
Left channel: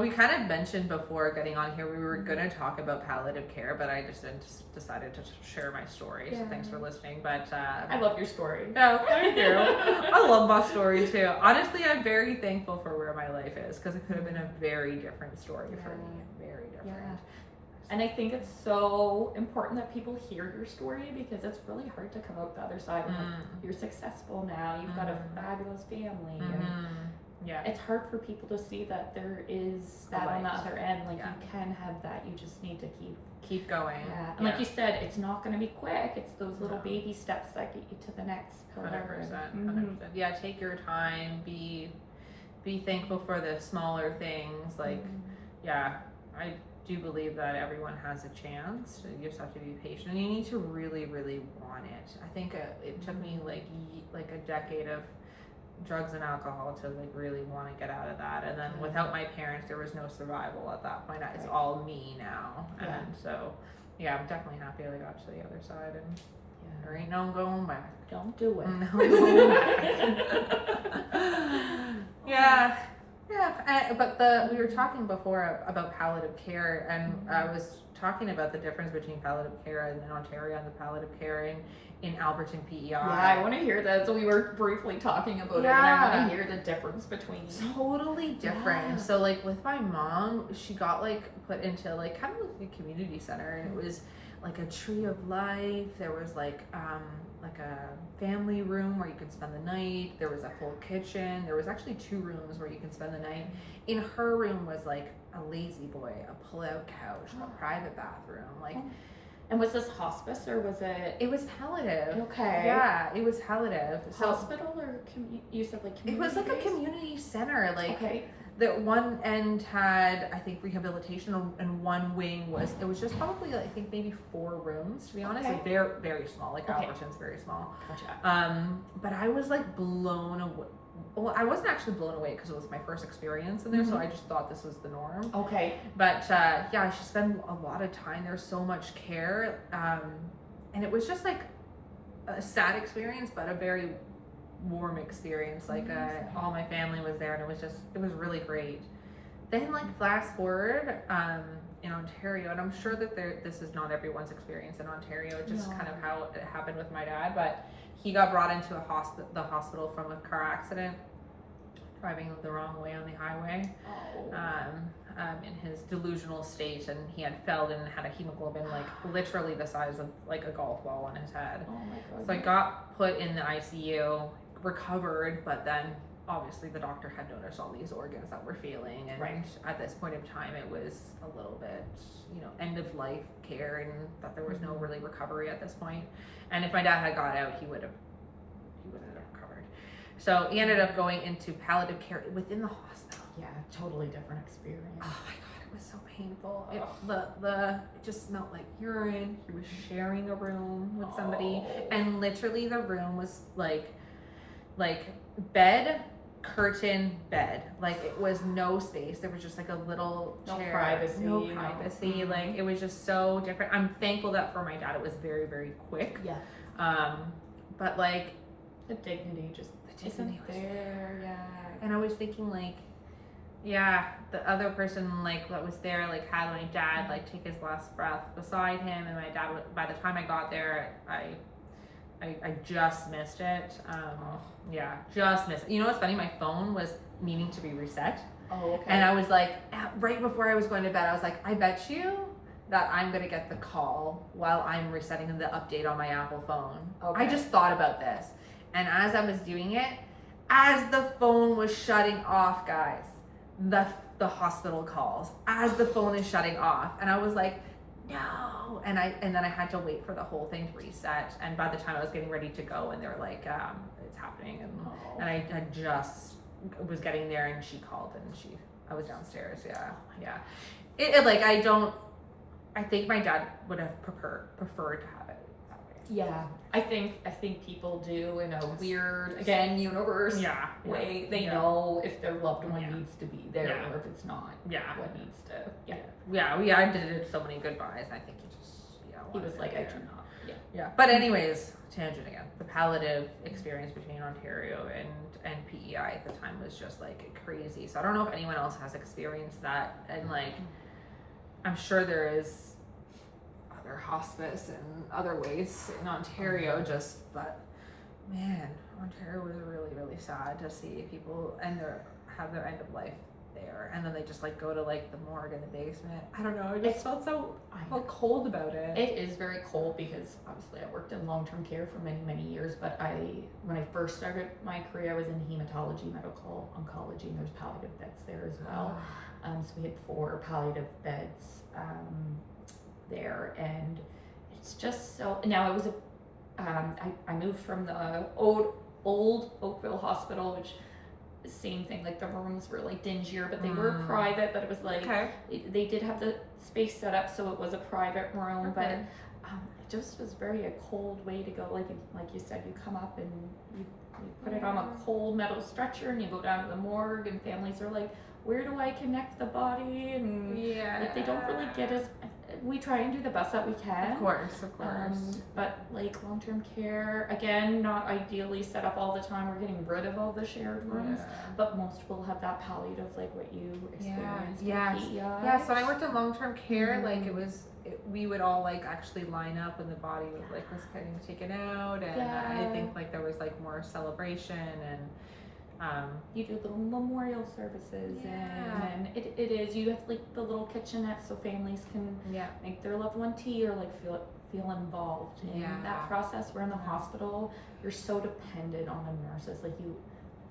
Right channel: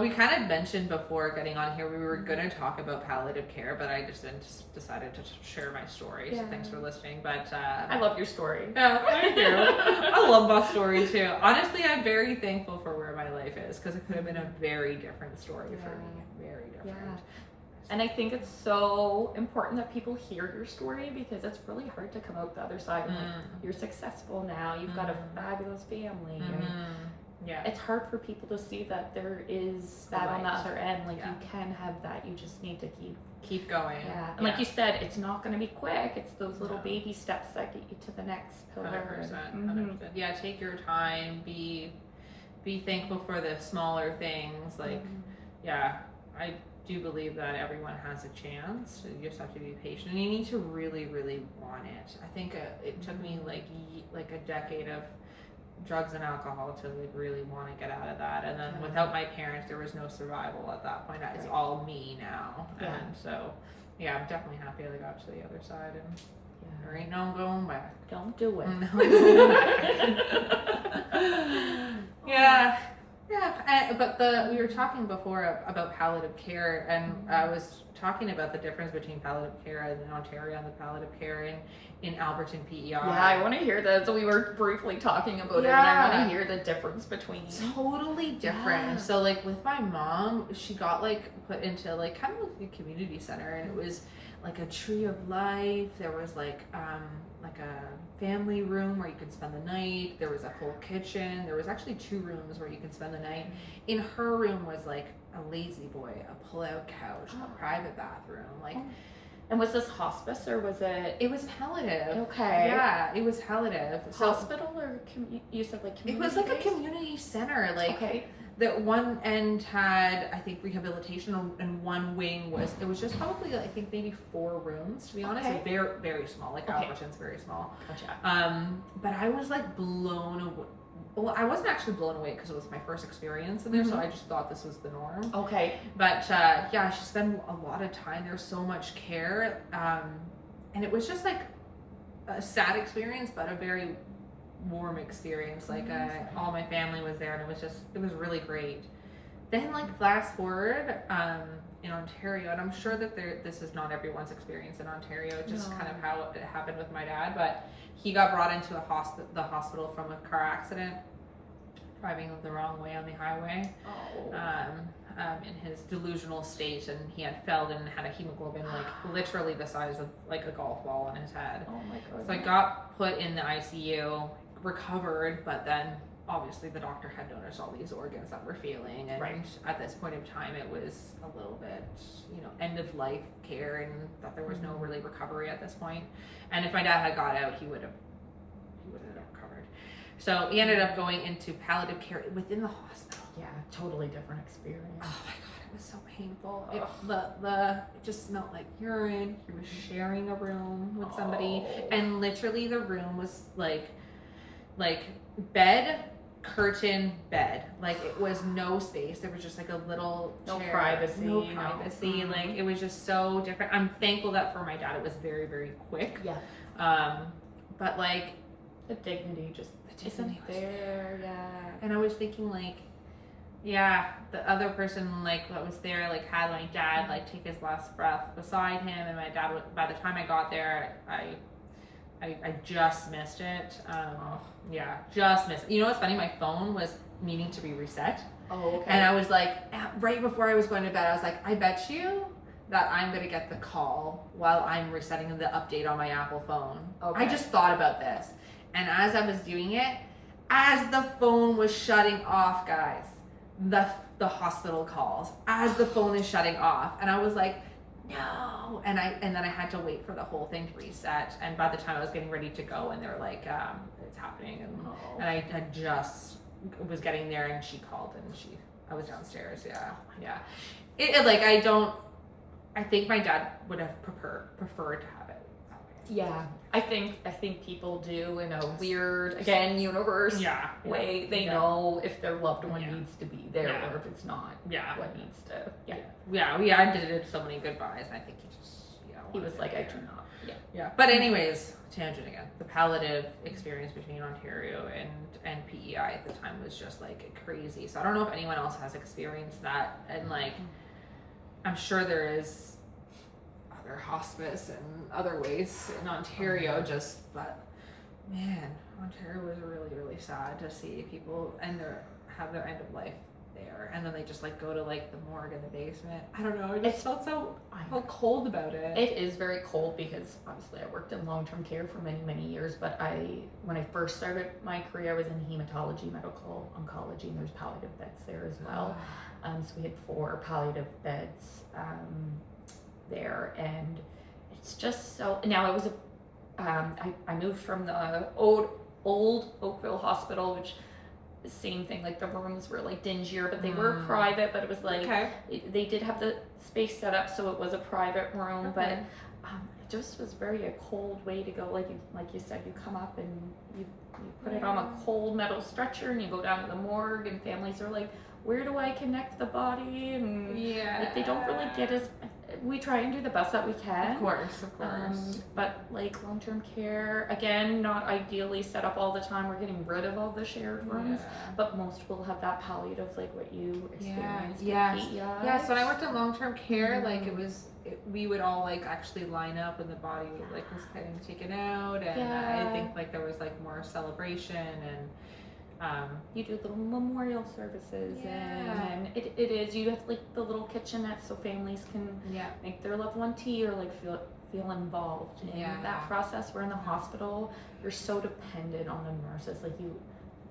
We kind of mentioned before getting on here, we were going to talk about palliative care, but I just decided to share my story. So thanks for listening. But I love your story. Oh, thank you. I love my story too. Honestly, I'm very thankful for where my life is, because it could have been a very different story for me. Very different. And I think it's so important that people hear your story, because it's really hard to come out the other side. And like, you're successful now. You've got a fabulous family. And it's hard for people to see that there is that on the other end. Like, you can have that. You just need to keep going. And like you said, it's not going to be quick. It's those little baby steps that get you to the next pillar. 100%. Yeah, take your time. Be thankful for the smaller things. Like, I do believe that everyone has a chance. You just have to be patient, and you need to really, really want it. I think it took me like a decade of drugs and alcohol to like really want to get out of that, and then without my parents there was no survival at that point. It's all me now. And so I'm definitely happy I got to the other side, and there ain't no going back. Don't do it. No going back. But we were talking before about palliative care, and I was talking about the difference between palliative care in Ontario and the palliative care in Alberton, PEI. Yeah, I want to hear that. So we were briefly talking about it, and I want to hear the difference between. Totally different. So like with my mom, she got like put into like kind of like a community center, and it was like a tree of life. There was like a family room where you could spend the night. There was a full kitchen. There was actually 2 rooms where you could spend the night. In her room was like a lazy boy, a pull-out couch, a private bathroom, like. And was this hospice or was it? It was palliative. Okay. Yeah, it was palliative. Hospital or you said like community? It was like a community center. Like okay. The one end had, I think, rehabilitation, and one wing was, it was just probably, I think, maybe 4 rooms, to be honest. Okay. Very, very small. Like Alberton's very small. Gotcha. But I was like blown away. Well, I wasn't actually blown away because it was my first experience in there, so I just thought this was the norm. Okay. But she spent a lot of time there, so much care, and it was just like a sad experience, but a very warm experience. Like all my family was there, and it was really great. Then like fast forward in Ontario, and I'm sure that this is not everyone's experience in Ontario, just kind of how it happened with my dad, but he got brought into the hospital from a car accident, driving the wrong way on the highway, in his delusional state, and he had fell and had a hemoglobin like literally the size of like a golf ball on his head. Oh my god. So I got put in the ICU, recovered, but then obviously the doctor had noticed all these organs that were failing, and at this point in time it was a little bit, end of life care, and that there was no really recovery at this point. And if my dad had got out, he would have recovered. So he ended up going into palliative care within the hospital. Yeah, totally different experience. Oh my god, it was so painful. It just smelled like urine. He was sharing a room with somebody, and literally the room was like bed, curtain, bed. Like it was no space. There was just like a little chair. No privacy. Like it was just so different. I'm thankful that for my dad it was very, very quick. Yeah. But like the dignity just isn't there. Yeah. And I was thinking like, the other person like that was there like had my dad like take his last breath beside him, and my dad, by the time I got there, I just missed it. Just missed it. You know what's funny? My phone was meaning to be reset. Oh, okay. And I was like, right before I was going to bed, I was like, I bet you that I'm going to get the call while I'm resetting the update on my Apple phone. Okay. I just thought about this. And as I was doing it, as the phone was shutting off, guys, the hospital calls, as the phone is shutting off. And I was like, no, and then I had to wait for the whole thing to reset, and by the time I was getting ready to go, and they were like, it's happening, and I had just was getting there, and she called, and I was downstairs. I think my dad would have preferred to have it that way. Yeah, I think people do in a weird, again, universe way. They know if their loved one needs to be there or if it's not. Yeah. What needs to. I did so many goodbyes, and I think he was like, I do not. Yeah. But anyways, tangent again. The palliative experience between Ontario and PEI at the time was just like crazy. So I don't know if anyone else has experienced that, and like, I'm sure there is other hospice and other ways in Ontario, but man, Ontario was really, really sad to see people have their end of life there, and then they just like go to like the morgue in the basement. I don't know, I just felt cold about it. It is very cold because obviously I worked in long-term care for many, many years, but when I first started my career, I was in hematology, medical oncology, and there's palliative beds there as well. So we had 4 palliative beds there, and it's just so. Now it was I moved from the old Oakville Hospital, which same thing, like the rooms were like dingier, but they were private, but it was like they did have the space set up so it was a private room, but it just was very a cold way to go. Like you said, you come up and you put it on a cold metal stretcher and you go down to the morgue, and families are like, where do I connect the body? And like, they don't really get as. We try and do the best that we can. Of course. But like long-term care, again, not ideally set up all the time. We're getting rid of all the shared rooms, but most will have that palliative, like what you experienced. Yeah. So when I worked in long-term care, like we would all like actually line up when the body was getting taken out, and I think like there was like more celebration, and you do little memorial services, and it is, you have like the little kitchenette so families can make their loved one tea or like feel involved in that process. Where in the hospital, you're so dependent on the nurses, like you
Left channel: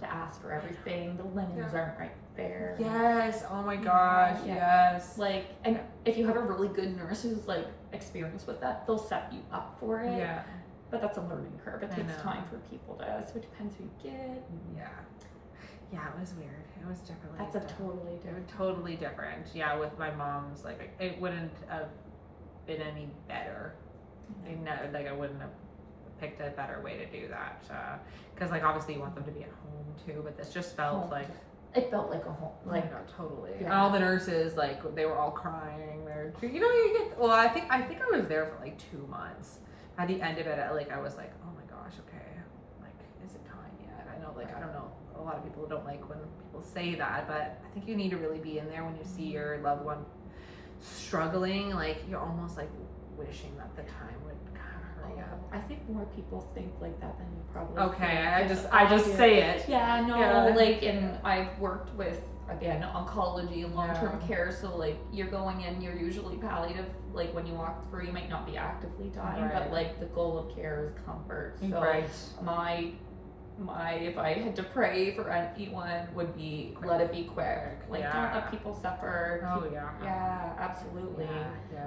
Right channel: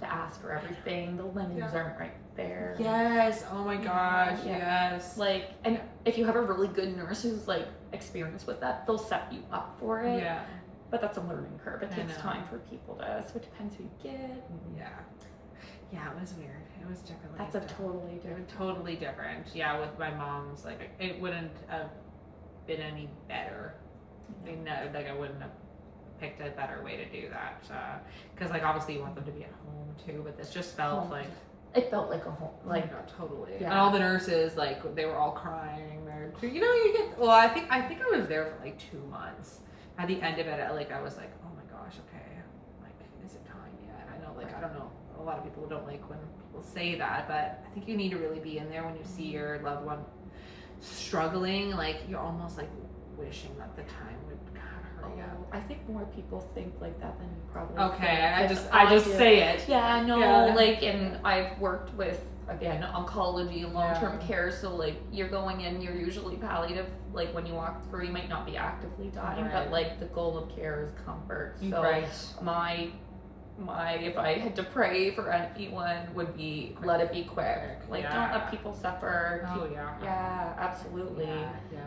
to ask for everything. The linens aren't right there. Yes. Oh my gosh. Yes. Like, and if you have a really good nurse who's like experienced with that, they'll set you up for it. Yeah. But that's a learning curve. It takes time for people to, so it depends who you get. Yeah, it was weird. It was different. That's totally different. Yeah, with my mom's, like, it wouldn't have been any better. Like, I wouldn't have picked a better way to do that. Because, like, obviously you want them to be at home too, but this just felt like. It felt like a home. Like, totally. Yeah. And all the nurses, like, they were all crying. I think I was there for like 2 months. At the end of it, I was like, oh my gosh, okay, like, is it time yet? I know, like, I don't know, a lot of people don't like when people say that, but I think you need to really be in there when you see your loved one struggling. Like, you're almost like wishing that the time would kind of hurry up. I think more people think like that than you probably think. I just say it. Yeah, I know. Like, and I've worked with, again, oncology and long-term care, so like you're going in, you're usually palliative. Like when you walk through, you might not be actively dying, but like the goal of care is comfort. So my if I had to pray for anyone would be let it be quick. Like don't let people suffer. Yeah, absolutely.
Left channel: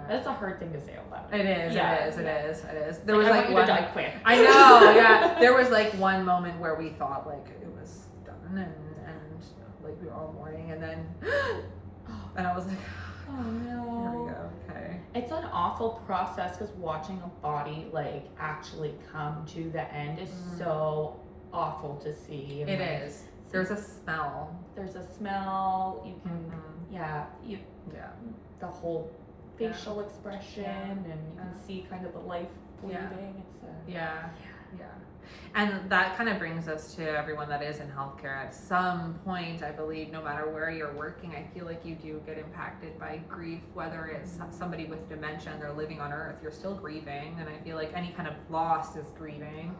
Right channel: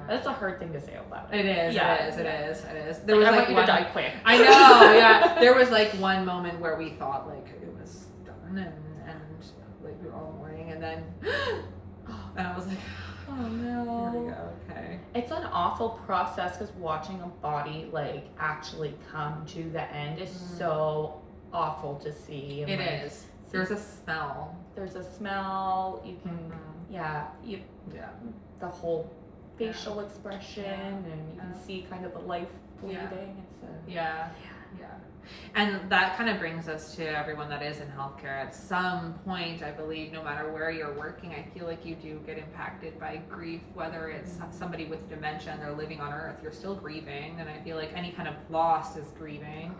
That's a hard thing to say out loud. It is. It is. There was I like want you to die quick. I know. Yeah. There was like one moment where we thought like it was done, and like we were all mourning, and then and I was like, oh no. Here we go. Okay. It's an awful process because watching a body like actually come to the end is so awful to see. It is. There's a smell. You can the whole facial expression, and you can see kind of the life bleeding. And that kind of brings us to everyone that is in healthcare. At some point, I believe, no matter where you're working, I feel like you do get impacted by grief, whether it's somebody with dementia and they're living on earth, you're still grieving. And I feel like any kind of loss is grieving.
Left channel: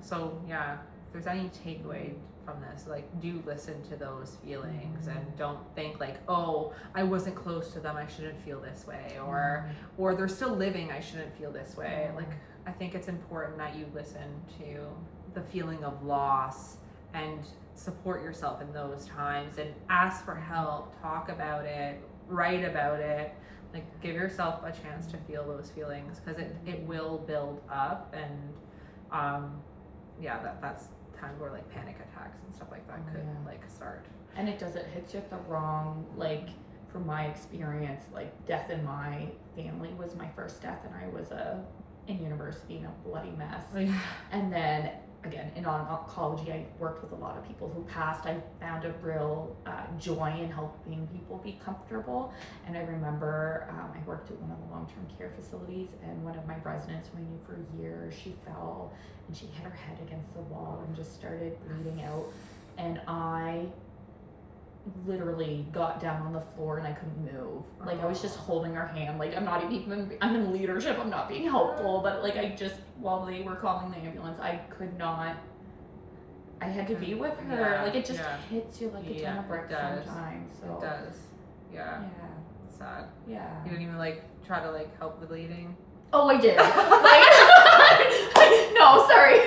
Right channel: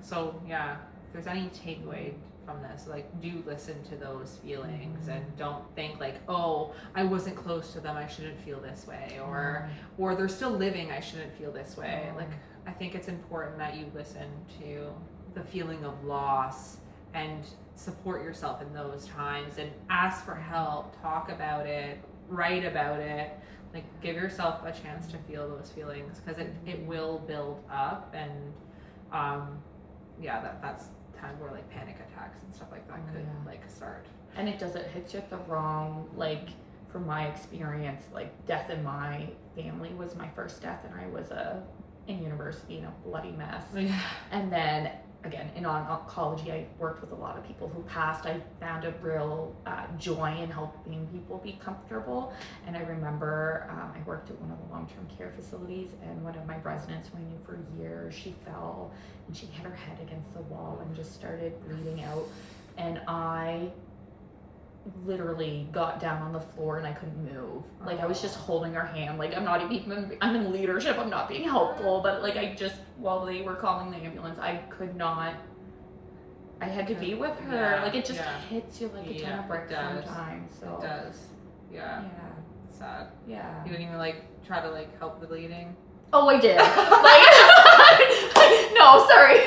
So yeah, if there's any takeaway from this, like, do listen to those feelings and don't think like, oh, I wasn't close to them, I shouldn't feel this way, or they're still living, I shouldn't feel this way. Like, I think it's important that you listen to the feeling of loss and support yourself in those times, and ask for help, talk about it, write about it, like give yourself a chance to feel those feelings, because it will build up. And that's times where like panic attacks and stuff like that could like start. And it hits you at the wrong, like, from my experience, like death in my family was my first death, and I was a in university in a bloody mess. Yeah. And then again, in oncology, I worked with a lot of people who passed. I found a real joy in helping people be comfortable. And I remember I worked at one of the long-term care facilities, and one of my residents who I knew for years, she fell and she hit her head against the wall and just started bleeding out. And I literally got down on the floor and I couldn't move. Like I was just holding her hand. Like I'm in leadership, I'm not being helpful, but like I just, while they were calling the ambulance, I could not, I had to be with her. Yeah, like it just yeah. hit you like a ton of bricks sometimes. So It does. Yeah. It's sad. Yeah. You didn't even like try to like help the bleeding? Oh, I did. No, sorry.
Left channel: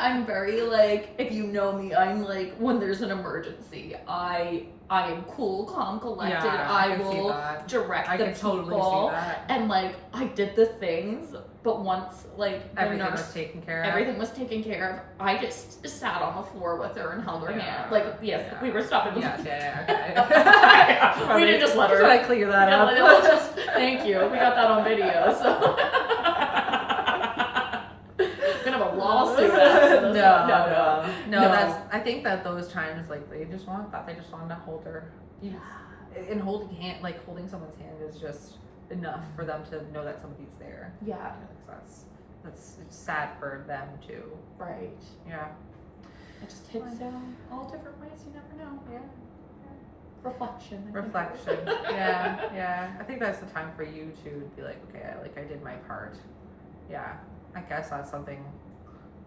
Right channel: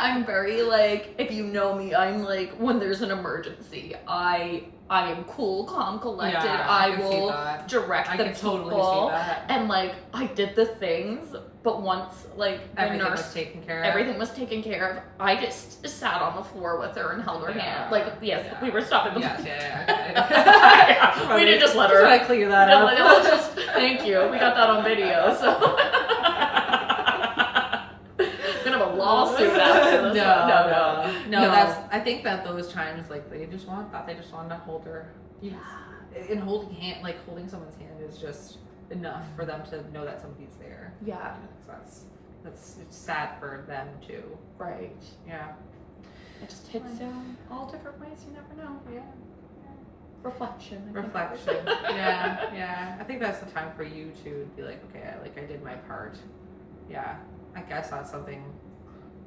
I'm very like, if you know me, I'm like, when there's an emergency, I am cool, calm, collected. Yeah, I can will see that. direct I the can people. totally see that. And like, I did the things, but once like the Everything nurse, was taken care of. everything was taken care of, I just sat on the floor with her and held her hand. Like, yes, yeah. we were stopping the Yes, yeah. We didn't just let her. Try to clear that up. No, just, thank you. We got that on video, so. Gonna have a lawsuit after this. No. That's. I think that those times, like, they just want that. They just want to hold her. And holding someone's hand is just enough for them to know that somebody's there. Yeah. So that's it's sad for them too. Right. Yeah. It just hits all different ways. You never know. Yeah. Reflection. Yeah. I think that's the time for you to be like, okay, I did my part. Yeah. I guess that's something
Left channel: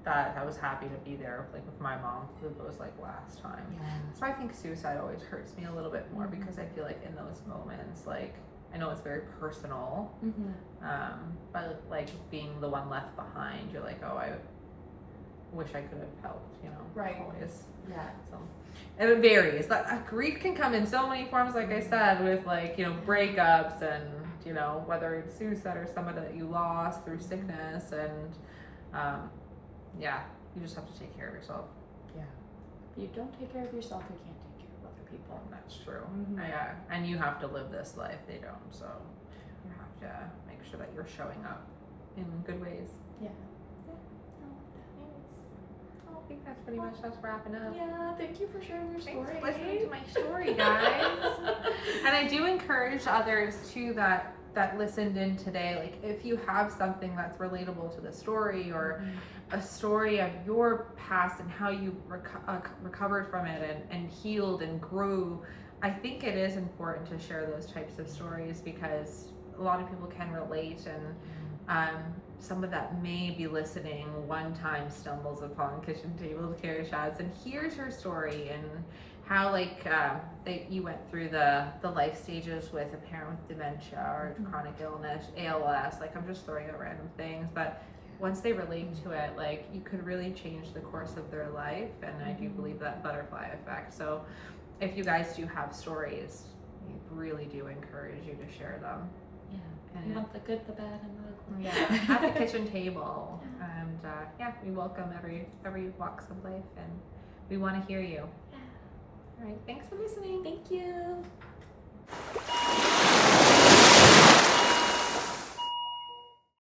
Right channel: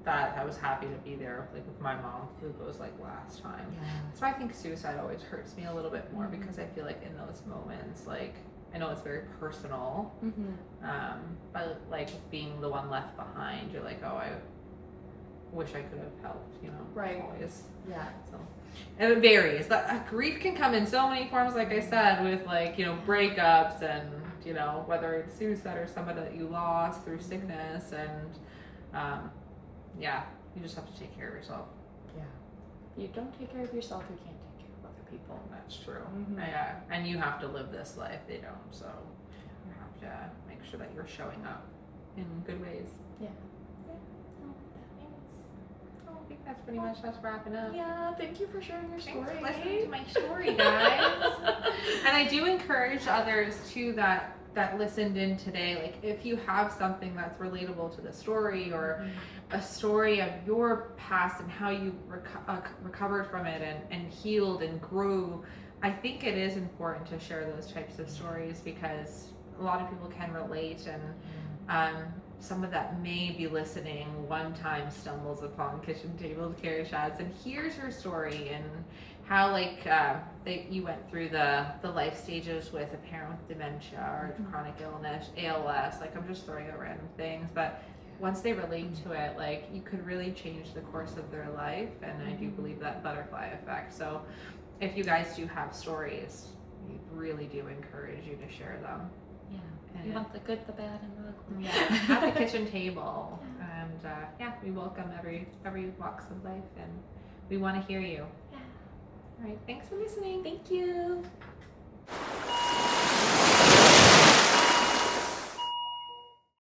that I was happy to be there, like with my mom through those like last time. Yeah. So I think suicide always hurts me a little bit more because I feel like in those moments, like I know it's very personal, but like being the one left behind, you're like, oh, I wish I could have helped, Right. Always. Yeah. So and it varies. Grief can come in so many forms, like I said, with like breakups and whether it's suicide or someone that you lost through sickness, and you just have to take care of yourself. Yeah. If you don't take care of yourself, you can't take care of other people. That's true. Mhm. Yeah, and you have to live this life. They don't, so you have to make sure that you're showing up in good ways. Yeah. I think that's pretty much us wrapping up. Yeah, thank you for sharing your Thanks story. for listening to my story, guys. And I do encourage others too that listened in today, like if you have something that's relatable to the story, or a story of your past and how you recovered from it and healed and grew, I think it is important to share those types of stories because a lot of people can relate, and someone that may be listening one time stumbles upon Kitchen Table Care Chats and hears her story and how you went through the life stages with a parent with dementia or chronic illness, ALS, like I'm just throwing out random things, but once they relate to it, like you could really change the course of their life, and I do believe that butterfly effect. So if you guys do have stories, we really do encourage you to share them. Yeah. You want the good, the bad, and the ugly. Yeah, at the kitchen table. And we welcome every walks of life, and we want to hear you. Yeah. All right, thanks for listening. Thank you.